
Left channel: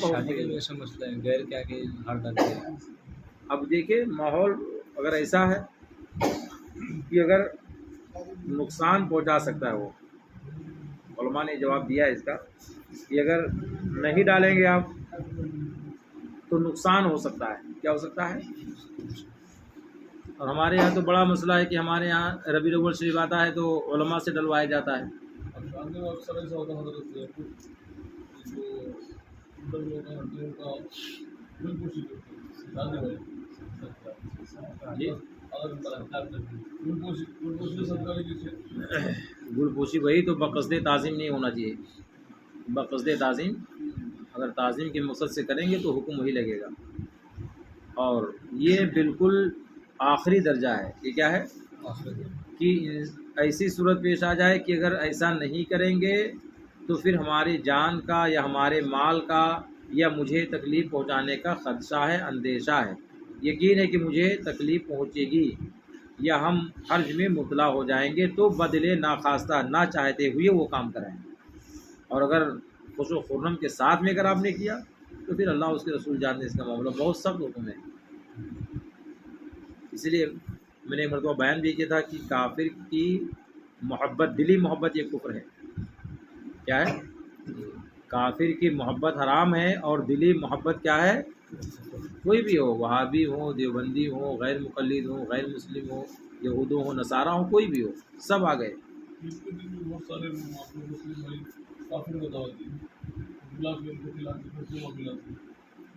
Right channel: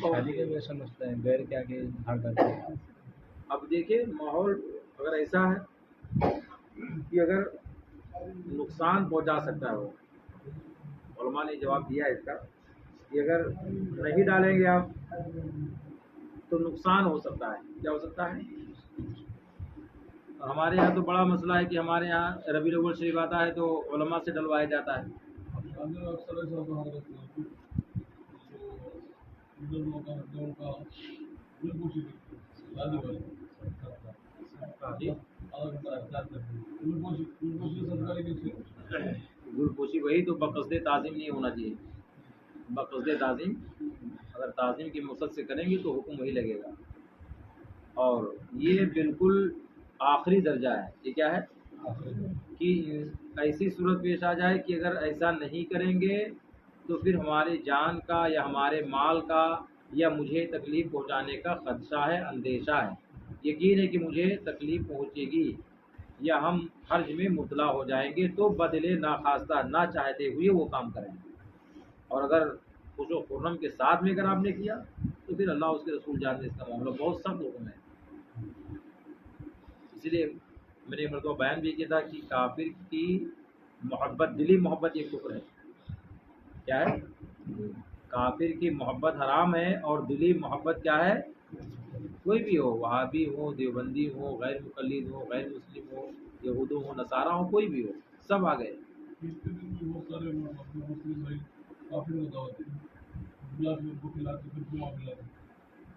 شادی کا بھی ایسا مسئلہ ہے، غیر کیا کہ ہار ڈالتے ہیں۔ اب دیکھیں ماحول اگر ایسا ہے کہ اگر نقصان پہنچا سکتا ہے، وہ علماء نے جواب دیا ہے اس کا کہ اگر نہیں ڈالیں گے آپ تو نقصان ہو سکتا ہے، کیا ہو سکتا ہے؟ اور ہمارے یہاں تو بڑا مسئلہ ہے کہ ہمارے یہاں ربیع الاول شریف آتا ہے تو علماء سے ڈلوایا جاتا ہے۔ اب شادی میں اکثر ایسا ہوتا ہے حضرت جو لوگ کا ان کا دل خوشی کرتے ہیں شادی والے جی اگر ان کا اختیار کرتے ہیں دل خوشی سرکاری کیسے گل پوشی، وہی تو بقصد تعظیم نہیں ہونا چاہیے، بقصد تعظیم اگر تعظیم کے مقصد سے کریں گے تو حکم وہی لگے گا، اور یہ بالکل آخری درجہ ہے، یہ کیا ہے کہ ایسی صورت پیش آ جائے کہ اگر ایسا نہیں کریں گے تو پھر ہماری جان کا یا ہمارے مال کا یا مجھے تکلیف پہنچانے کا خدشہ ہے، اندیشہ ہے، یقین ہے کہ مجھے تکلیف پہنچے گی یا ہم حرج میں مبتلا ہو جائیں گے، تو بدل ناخواستہ نہ چاہتے ہوئے وہ کام کریں۔ اور اگر خوش و خرم کے ساتھ میں اگر آپ نے کیا تو پھر اللہ اس کے رسول جانتے اس کا معاملہ بہت سخت حکم ہے۔ اسی لیے میں نے ایک مرتبہ بیان بھی کیا تھا کہ کافر کی محبت، دلی محبت یہ کفر ہے، کیا ہے؟ کافر کی محبت حرام ہے، اور دلی محبت کیا ہے؟ کوئی بھی ہو، وہابی ہو، دیوبندی ہو، غیر مقلد ہو، غیر مسلم ہو، یہود ہو، نصارہ ہو، کوئی بھی ہو، سب آ گئے۔ اس کے دن میں بہت سارے اپنے مسلم بھائی کافر کو دعوت دی، بلا کے ان کو کھلاتے پھر دعا ملاتے۔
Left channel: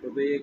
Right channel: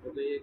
تو ایک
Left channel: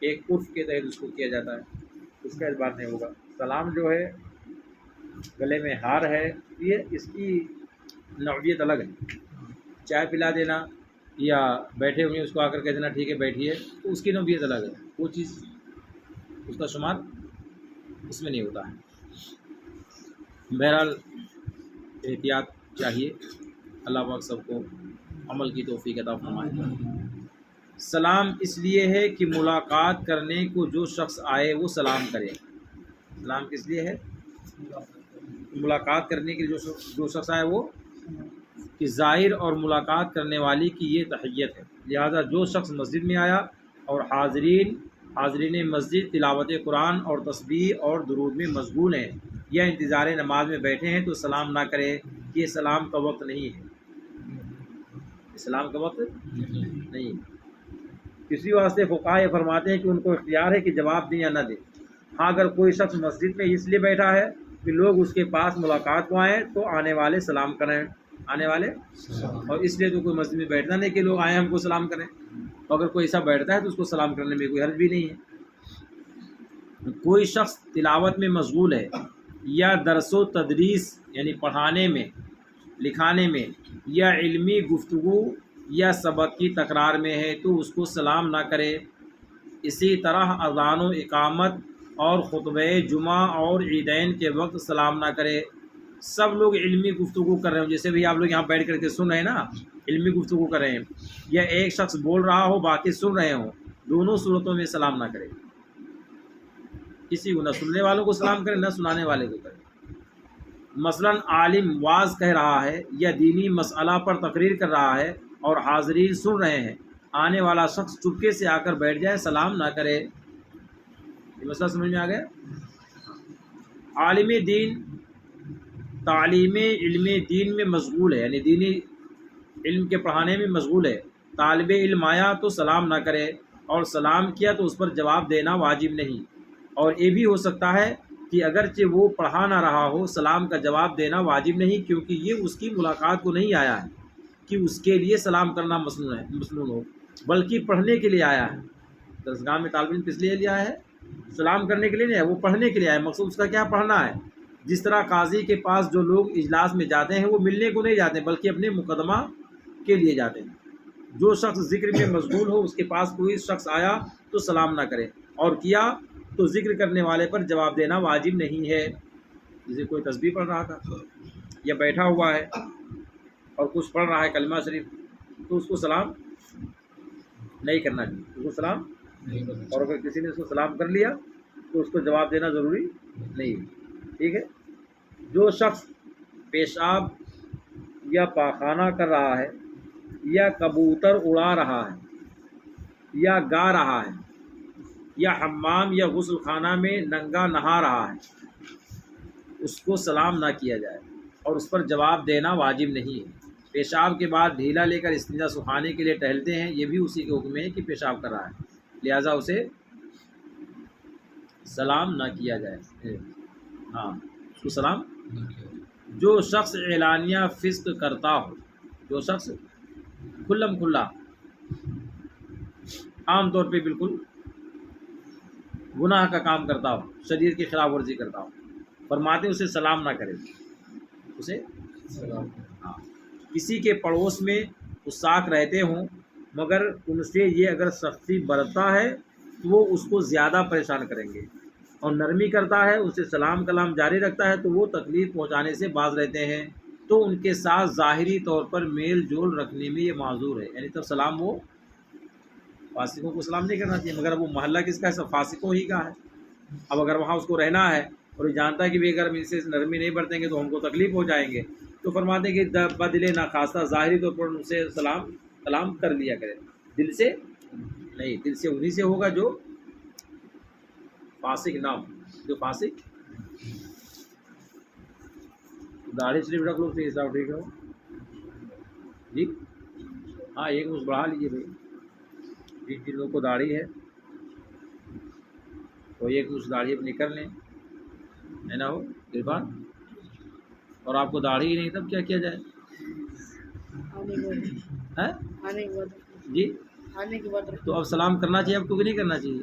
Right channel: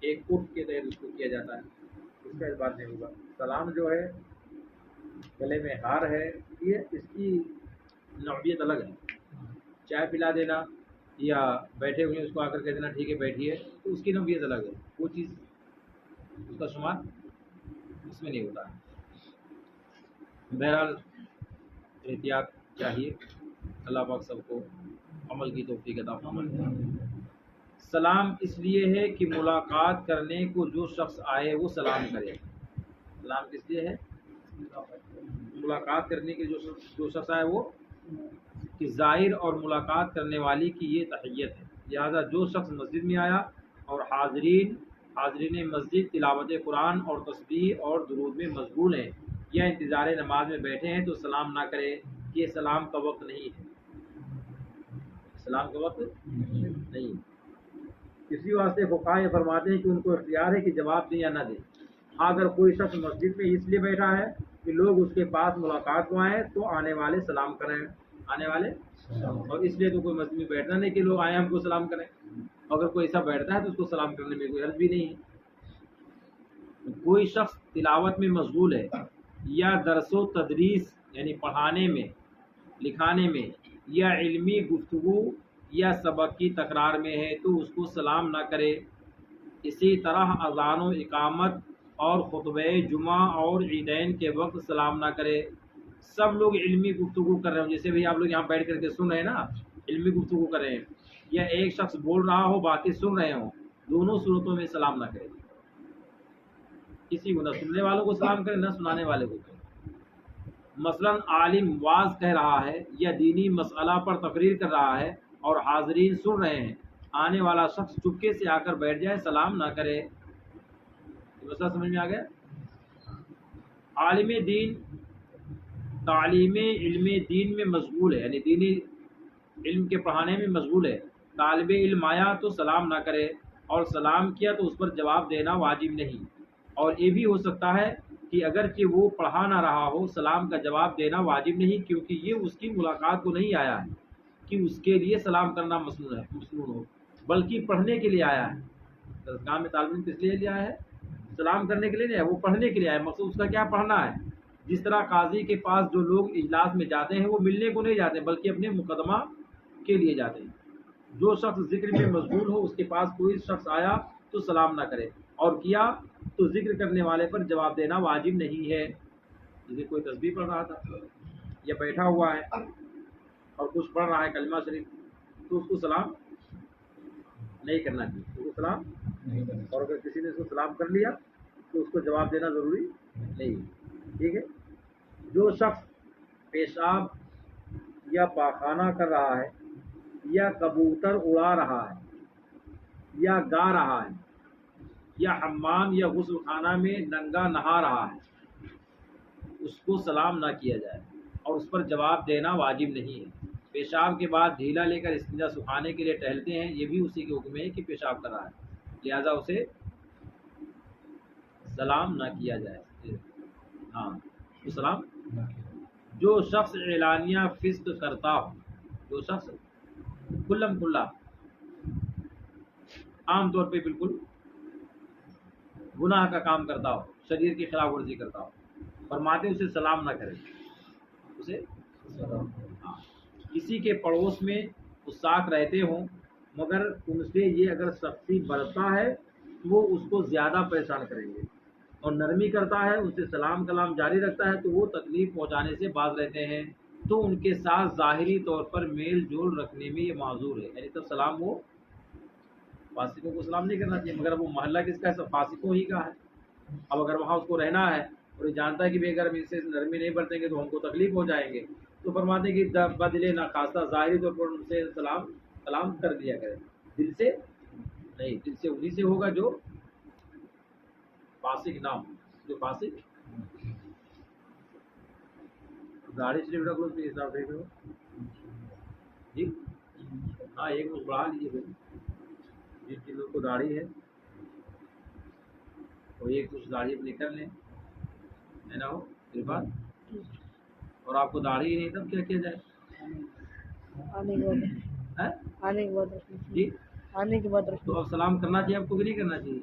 ایک عرف کے تحت اس کو کیا جاتا ہے۔ اس کا اعتبار نہیں ہوگا. سلام جو ہے گلے میں ہار ہے، یہ اس کی نوعیت الگ ہے. چائے پلا دینا یا بیٹھے ہوئے اس کو آ کر کہہ دینا ٹھیک ہے بیٹھیے، تو اس کی نوعیت الگ ہے، وہ چیز اس کا شمار اس میں نہیں ہوتا ہے. بہرحال احتیاط چاہیے. اللہ پاک سب کو عمل کی توفیق عطا فرمائے. سلام اس لیے ہے کہ ملاقات کرنے کو جو شخص آئے وہ سلام کرے. سلام کس لیے ہے؟ ملاقات کرنے کے جو شخص آئے وہ کہ ظاہر اور ملاقات کرنے والی کی یہ تحیت ہے. لہذا جو شخص مسجد میں آیا اور حاضرین مسجد تلاوت قرآن اور تسبیح اور درود میں مشغول ہیں یا انتظار نماز میں بیٹھے ہیں تو سلام نہ کرے. یہ سلام کا وقت نہیں ہے. سلام کا وقت نہیں. کسی واسطے فقہاء یہ فرماتے ہیں کہ ان کو اختیار ہے کہ جواب دیں یا نہ دیں. ہاں اگر کوئی شخص مسجد میں اس لیے بیٹھا ہے کہ لوگ اس کے پاس ملاقات کو آئیں تو آنے والے سلام کریں. آنے والے اور اس لیے تو کوئی مسجد میں بیٹھنا نہیں کہ لوگ آئیں ہم کو سلام کریں. اگر کوئی ایسا بیٹھتا ہے تو اس کو سلام کرنے میں کوئی حرج بھی نہیں ہے. کوئی شخص تلاوت میں مشغول ہے یا درس و تدریس یعنی پڑھانے میں لکھانے میں یا علمی گفتگو یا سبق کی تکرار میں ہے تو اس کو سلام نہ کرے. اسی طرح اذان و اقامت اور خطبہ جمعہ اور عیدین کے وقت سلام نہ کرے. سب لوگ علمی گفتگو کر رہے ہوں، جیسے بھی آپ لوگ یہاں بیٹھ کر کے سن رہے ہیں نا، علمی گفتگو کر رہے ہیں، یا ایک شخص بول رہا ہو باقی سن رہے ہوں، دونوں صورتوں میں سلام نہ کرے. کسی کو نہ سننے والوں کو سلام کرے نہ سنانے والے کو کرے. مثلا عالم واعظ کہہ رہا ہے یا دینی مسئلہ پر تقریر کر رہا ہے اور حاضرین سن رہے ہیں، آنے والا شخص چپکے سے آ کر بیٹھ جائے، سلام نہ کرے. یہ مسئلہ سمجھ میں آ گیا؟ عالم دین تعلیم علم دین میں مشغول ہے، یعنی دینی علم کے پڑھانے میں مشغول ہے. طالب علم آیا تو سلام نہ کرے، اور سلام کیا تو اس پر جواب دینا واجب نہیں. اور یہ بھی ہو سکتا ہے کہ اگرچہ وہ پڑھا نہ رہا ہو سلام کا جواب دینا واجب نہیں، کیونکہ یہ اس کی ملاقات کو نہیں آیا ہے کہ اس کے لیے سلام کرنا مسنون ہو، بلکہ پڑھنے کے لیے آیا ہے. درسگاہ میں طالب علم کس لیے لیا ہے؟ سلام کرنے کے لیے نہیں ہے، وہ پڑھنے کے لیے آیا ہے. مقصود اس کا کیا پڑھنا ہے. جس طرح قاضی کے پاس جو لوگ اجلاس میں جاتے ہیں وہ ملنے کو نہیں جاتے بلکہ اپنے مقدمہ کے لیے جاتے ہیں. جو شخص ذکر میں مشغول ہو اس کے پاس کوئی شخص آیا تو سلام نہ کرے، اور کیا تو ذکر کرنے والے پر جواب دینا واجب نہیں ہے. جسے کوئی تسبیح پڑھ رہا تھا یا بیٹھا ہوا ہے اور کچھ پڑھ رہا ہے کلمہ شریف، تو اس کو سلام نہیں کرنا چاہیے. اس کو سلام اور اگر کسی نے اس کو سلام کر لیا تو اس کو جواب دینا ضروری نہیں. ٹھیک ہے. جو شخص پیشاب یا پاخانہ کر رہا ہے یا کبوتر اڑا رہا ہے یا گا رہا ہے یا حمام یا غسل خانہ میں ننگا نہا رہا ہے اس کو سلام نہ کیا جائے اور اس پر جواب دینا واجب نہیں ہے. پیشاب کے بعد ڈھیلا لے کر استنجا سکھانے کے لیے ٹہلتے ہیں، یہ بھی اسی کے حکم ہے کہ پیشاب کر رہا ہے، لہٰذا اسے سلام نہ کیا جائے. ہاں اس کو سلام. جو شخص اعلانیہ فسق کرتا ہو، جو شخص کھلم کھلا عام طور پہ بالکل گناہ کا کام کرتا ہو، شریعت کی خلاف ورزی کرتا ہو، فرماتے اسے سلام نہ کرے. اسے کسی کے پڑوس میں فساق رہتے ہوں مگر ان سے یہ اگر سختی برتتا ہے تو وہ اس کو زیادہ پریشان کریں گے، اور نرمی کرتا ہے اسے سلام کلام جاری رکھتا ہے تو وہ تکلیف پہنچانے سے باز رہتے ہیں، تو ان کے ساتھ ظاہری طور پر میل جول رکھنے میں یہ معذور ہے. یعنی تو سلام وہ فاسقوں کو سلام نہیں کرنا چاہیے، مگر وہ محلہ کس کا ہے؟ سب فاسقوں ہی کا ہے. اب اگر وہاں اس کو رہنا ہے اور یہ جانتا ہے کہ اگر ہم ان سے نرمی نہیں برتیں گے تو ہم کو تکلیف ہو جائیں گے، تو فرماتے ہیں کہ بدلے نہ خاصہ ظاہری طور پر ان سے سلام کلام کر لیا کرے، دل سے نہیں. دل سے انہی سے ہوگا جو فاسق نام، جو فاسق. داڑھی شریف رکھ لو تو حساب ٹھیک ہو جی. ہاں ایک مجھ بڑھا لیجیے بھائی، جن لوگوں کو داڑھی ہے تو ایک مجھ داڑھی اپنی کر لیں، ہے نا ہو عرفان. اور آپ کو داڑھی ہی نہیں تب کیا کیا جائے؟ آنے کے بعد جی آنے کے بعد تو اب سلام کرنا چاہیے آپ کو کہ نہیں کرنا چاہیے؟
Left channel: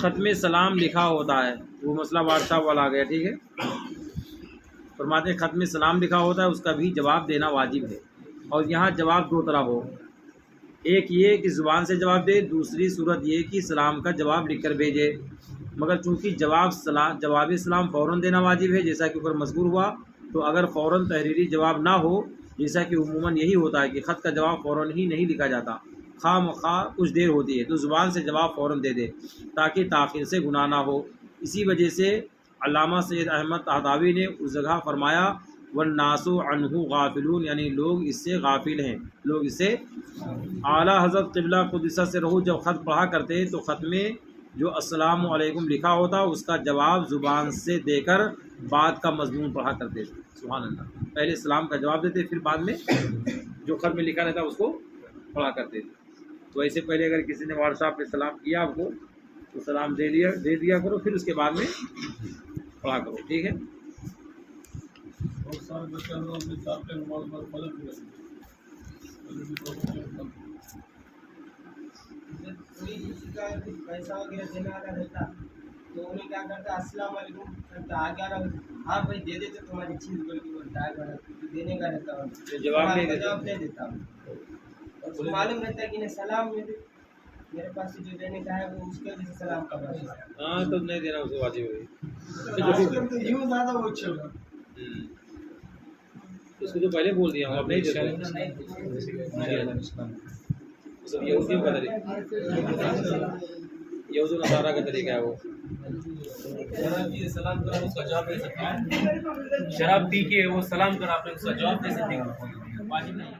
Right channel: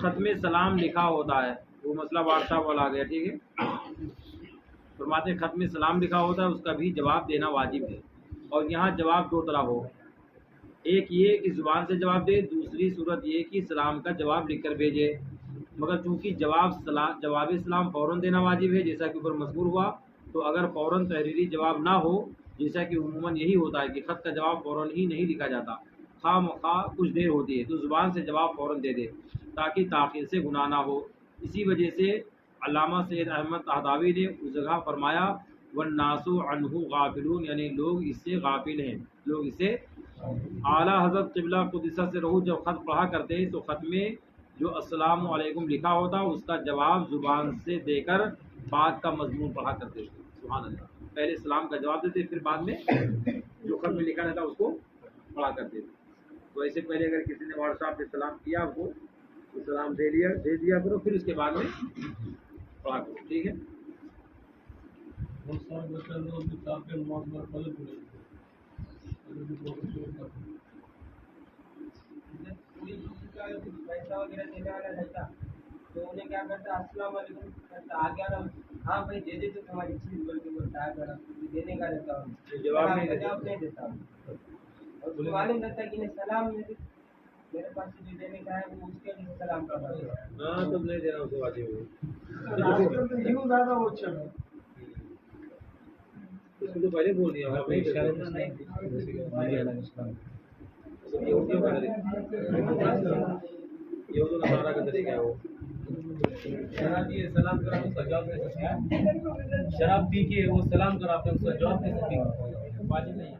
ختم سلام لکھا ہوتا ہے، وہ مسئلہ واٹس ایپ والا آ گیا، ٹھیک ہے. فرماتے ہیں ختم سلام لکھا ہوتا ہے، اس کا بھی جواب دینا واجب ہے. اور یہاں جواب دو طرح ہو، ایک یہ کہ زبان سے جواب دے، دوسری صورت یہ کہ سلام کا جواب لکھ کر بھیجے. مگر چونکہ جواب سلام فوراً دینا واجب ہے جیسا کہ اوپر مذکور ہوا، تو اگر فوراً تحریری جواب نہ ہو، جیسا کہ عموماً یہی ہوتا ہے کہ خط کا جواب فوراً ہی نہیں لکھا جاتا، خواہ مخواہ کچھ دیر ہوتی ہے، تو زبان سے جواب فوراً دے دے تاکہ تاخیر سے گناہ نہ ہو. اسی وجہ سے علامہ سید احمد طہطاوی نے اس جگہ فرمایا والناس عنہ غافلون، یعنی لوگ اس سے غافل ہیں، لوگ اس سے. اعلیٰ حضرت قبلہ قدسہ سے رہو جب خط پڑھا کرتے تو خط میں جو السلام علیکم لکھا ہوتا اس کا جواب زبان سے دے کر بعد کا مضمون پڑھا کرتے تھے. سبحان اللہ، پہلے سلام کا جواب دیتے پھر بعد میں جو خط میں لکھا رہتا اس کو پڑھا کرتے تھے. تو ایسے پہلے اگر کسی نے واٹس ایپ پہ سلام کیا آپ کو تو سلام دے دیا کرو، پھر اس کے بعد میں پڑھا کرو، ٹھیک ہے. بہت سارے بچے لوگ اپنے چار پہ نماز پر فجر بھی رہتے کوئی کسی کا کچھ پیسہ وغیرہ دینے والا رہتا تو انہیں کیا کرتا السلام علیکم کرتا، آگے آ رہا ہاں بھائی دے دیتے تمہاری چیز بول کے بولتا ہے، آگے دینے کا رہتا ہوں، جواب نہیں دیتا ہوں. اور اس کو معلوم رہتا ہے کہ نہیں سلام میرے پاس سے جو دینے کا ہے وہ اس کے وجہ سے سلام کا بات ہے. ہاں تو نہیں دینا اسے واجب ہے. آج کل تو یوں زیادہ وہ چل رہا اس کو جو پہلے بول دیا آپ نہیں سب یہودیوں کا طریقہ، یہود و نصارہ کا طریقہ ہے. وہ شراب پیے سلام کرا اس کا جواب دے سکتے ہیں، شراب پی کے وہ سلام کرا آپ نے اس کا جواب دے سکتے ہیں، واجب نہیں.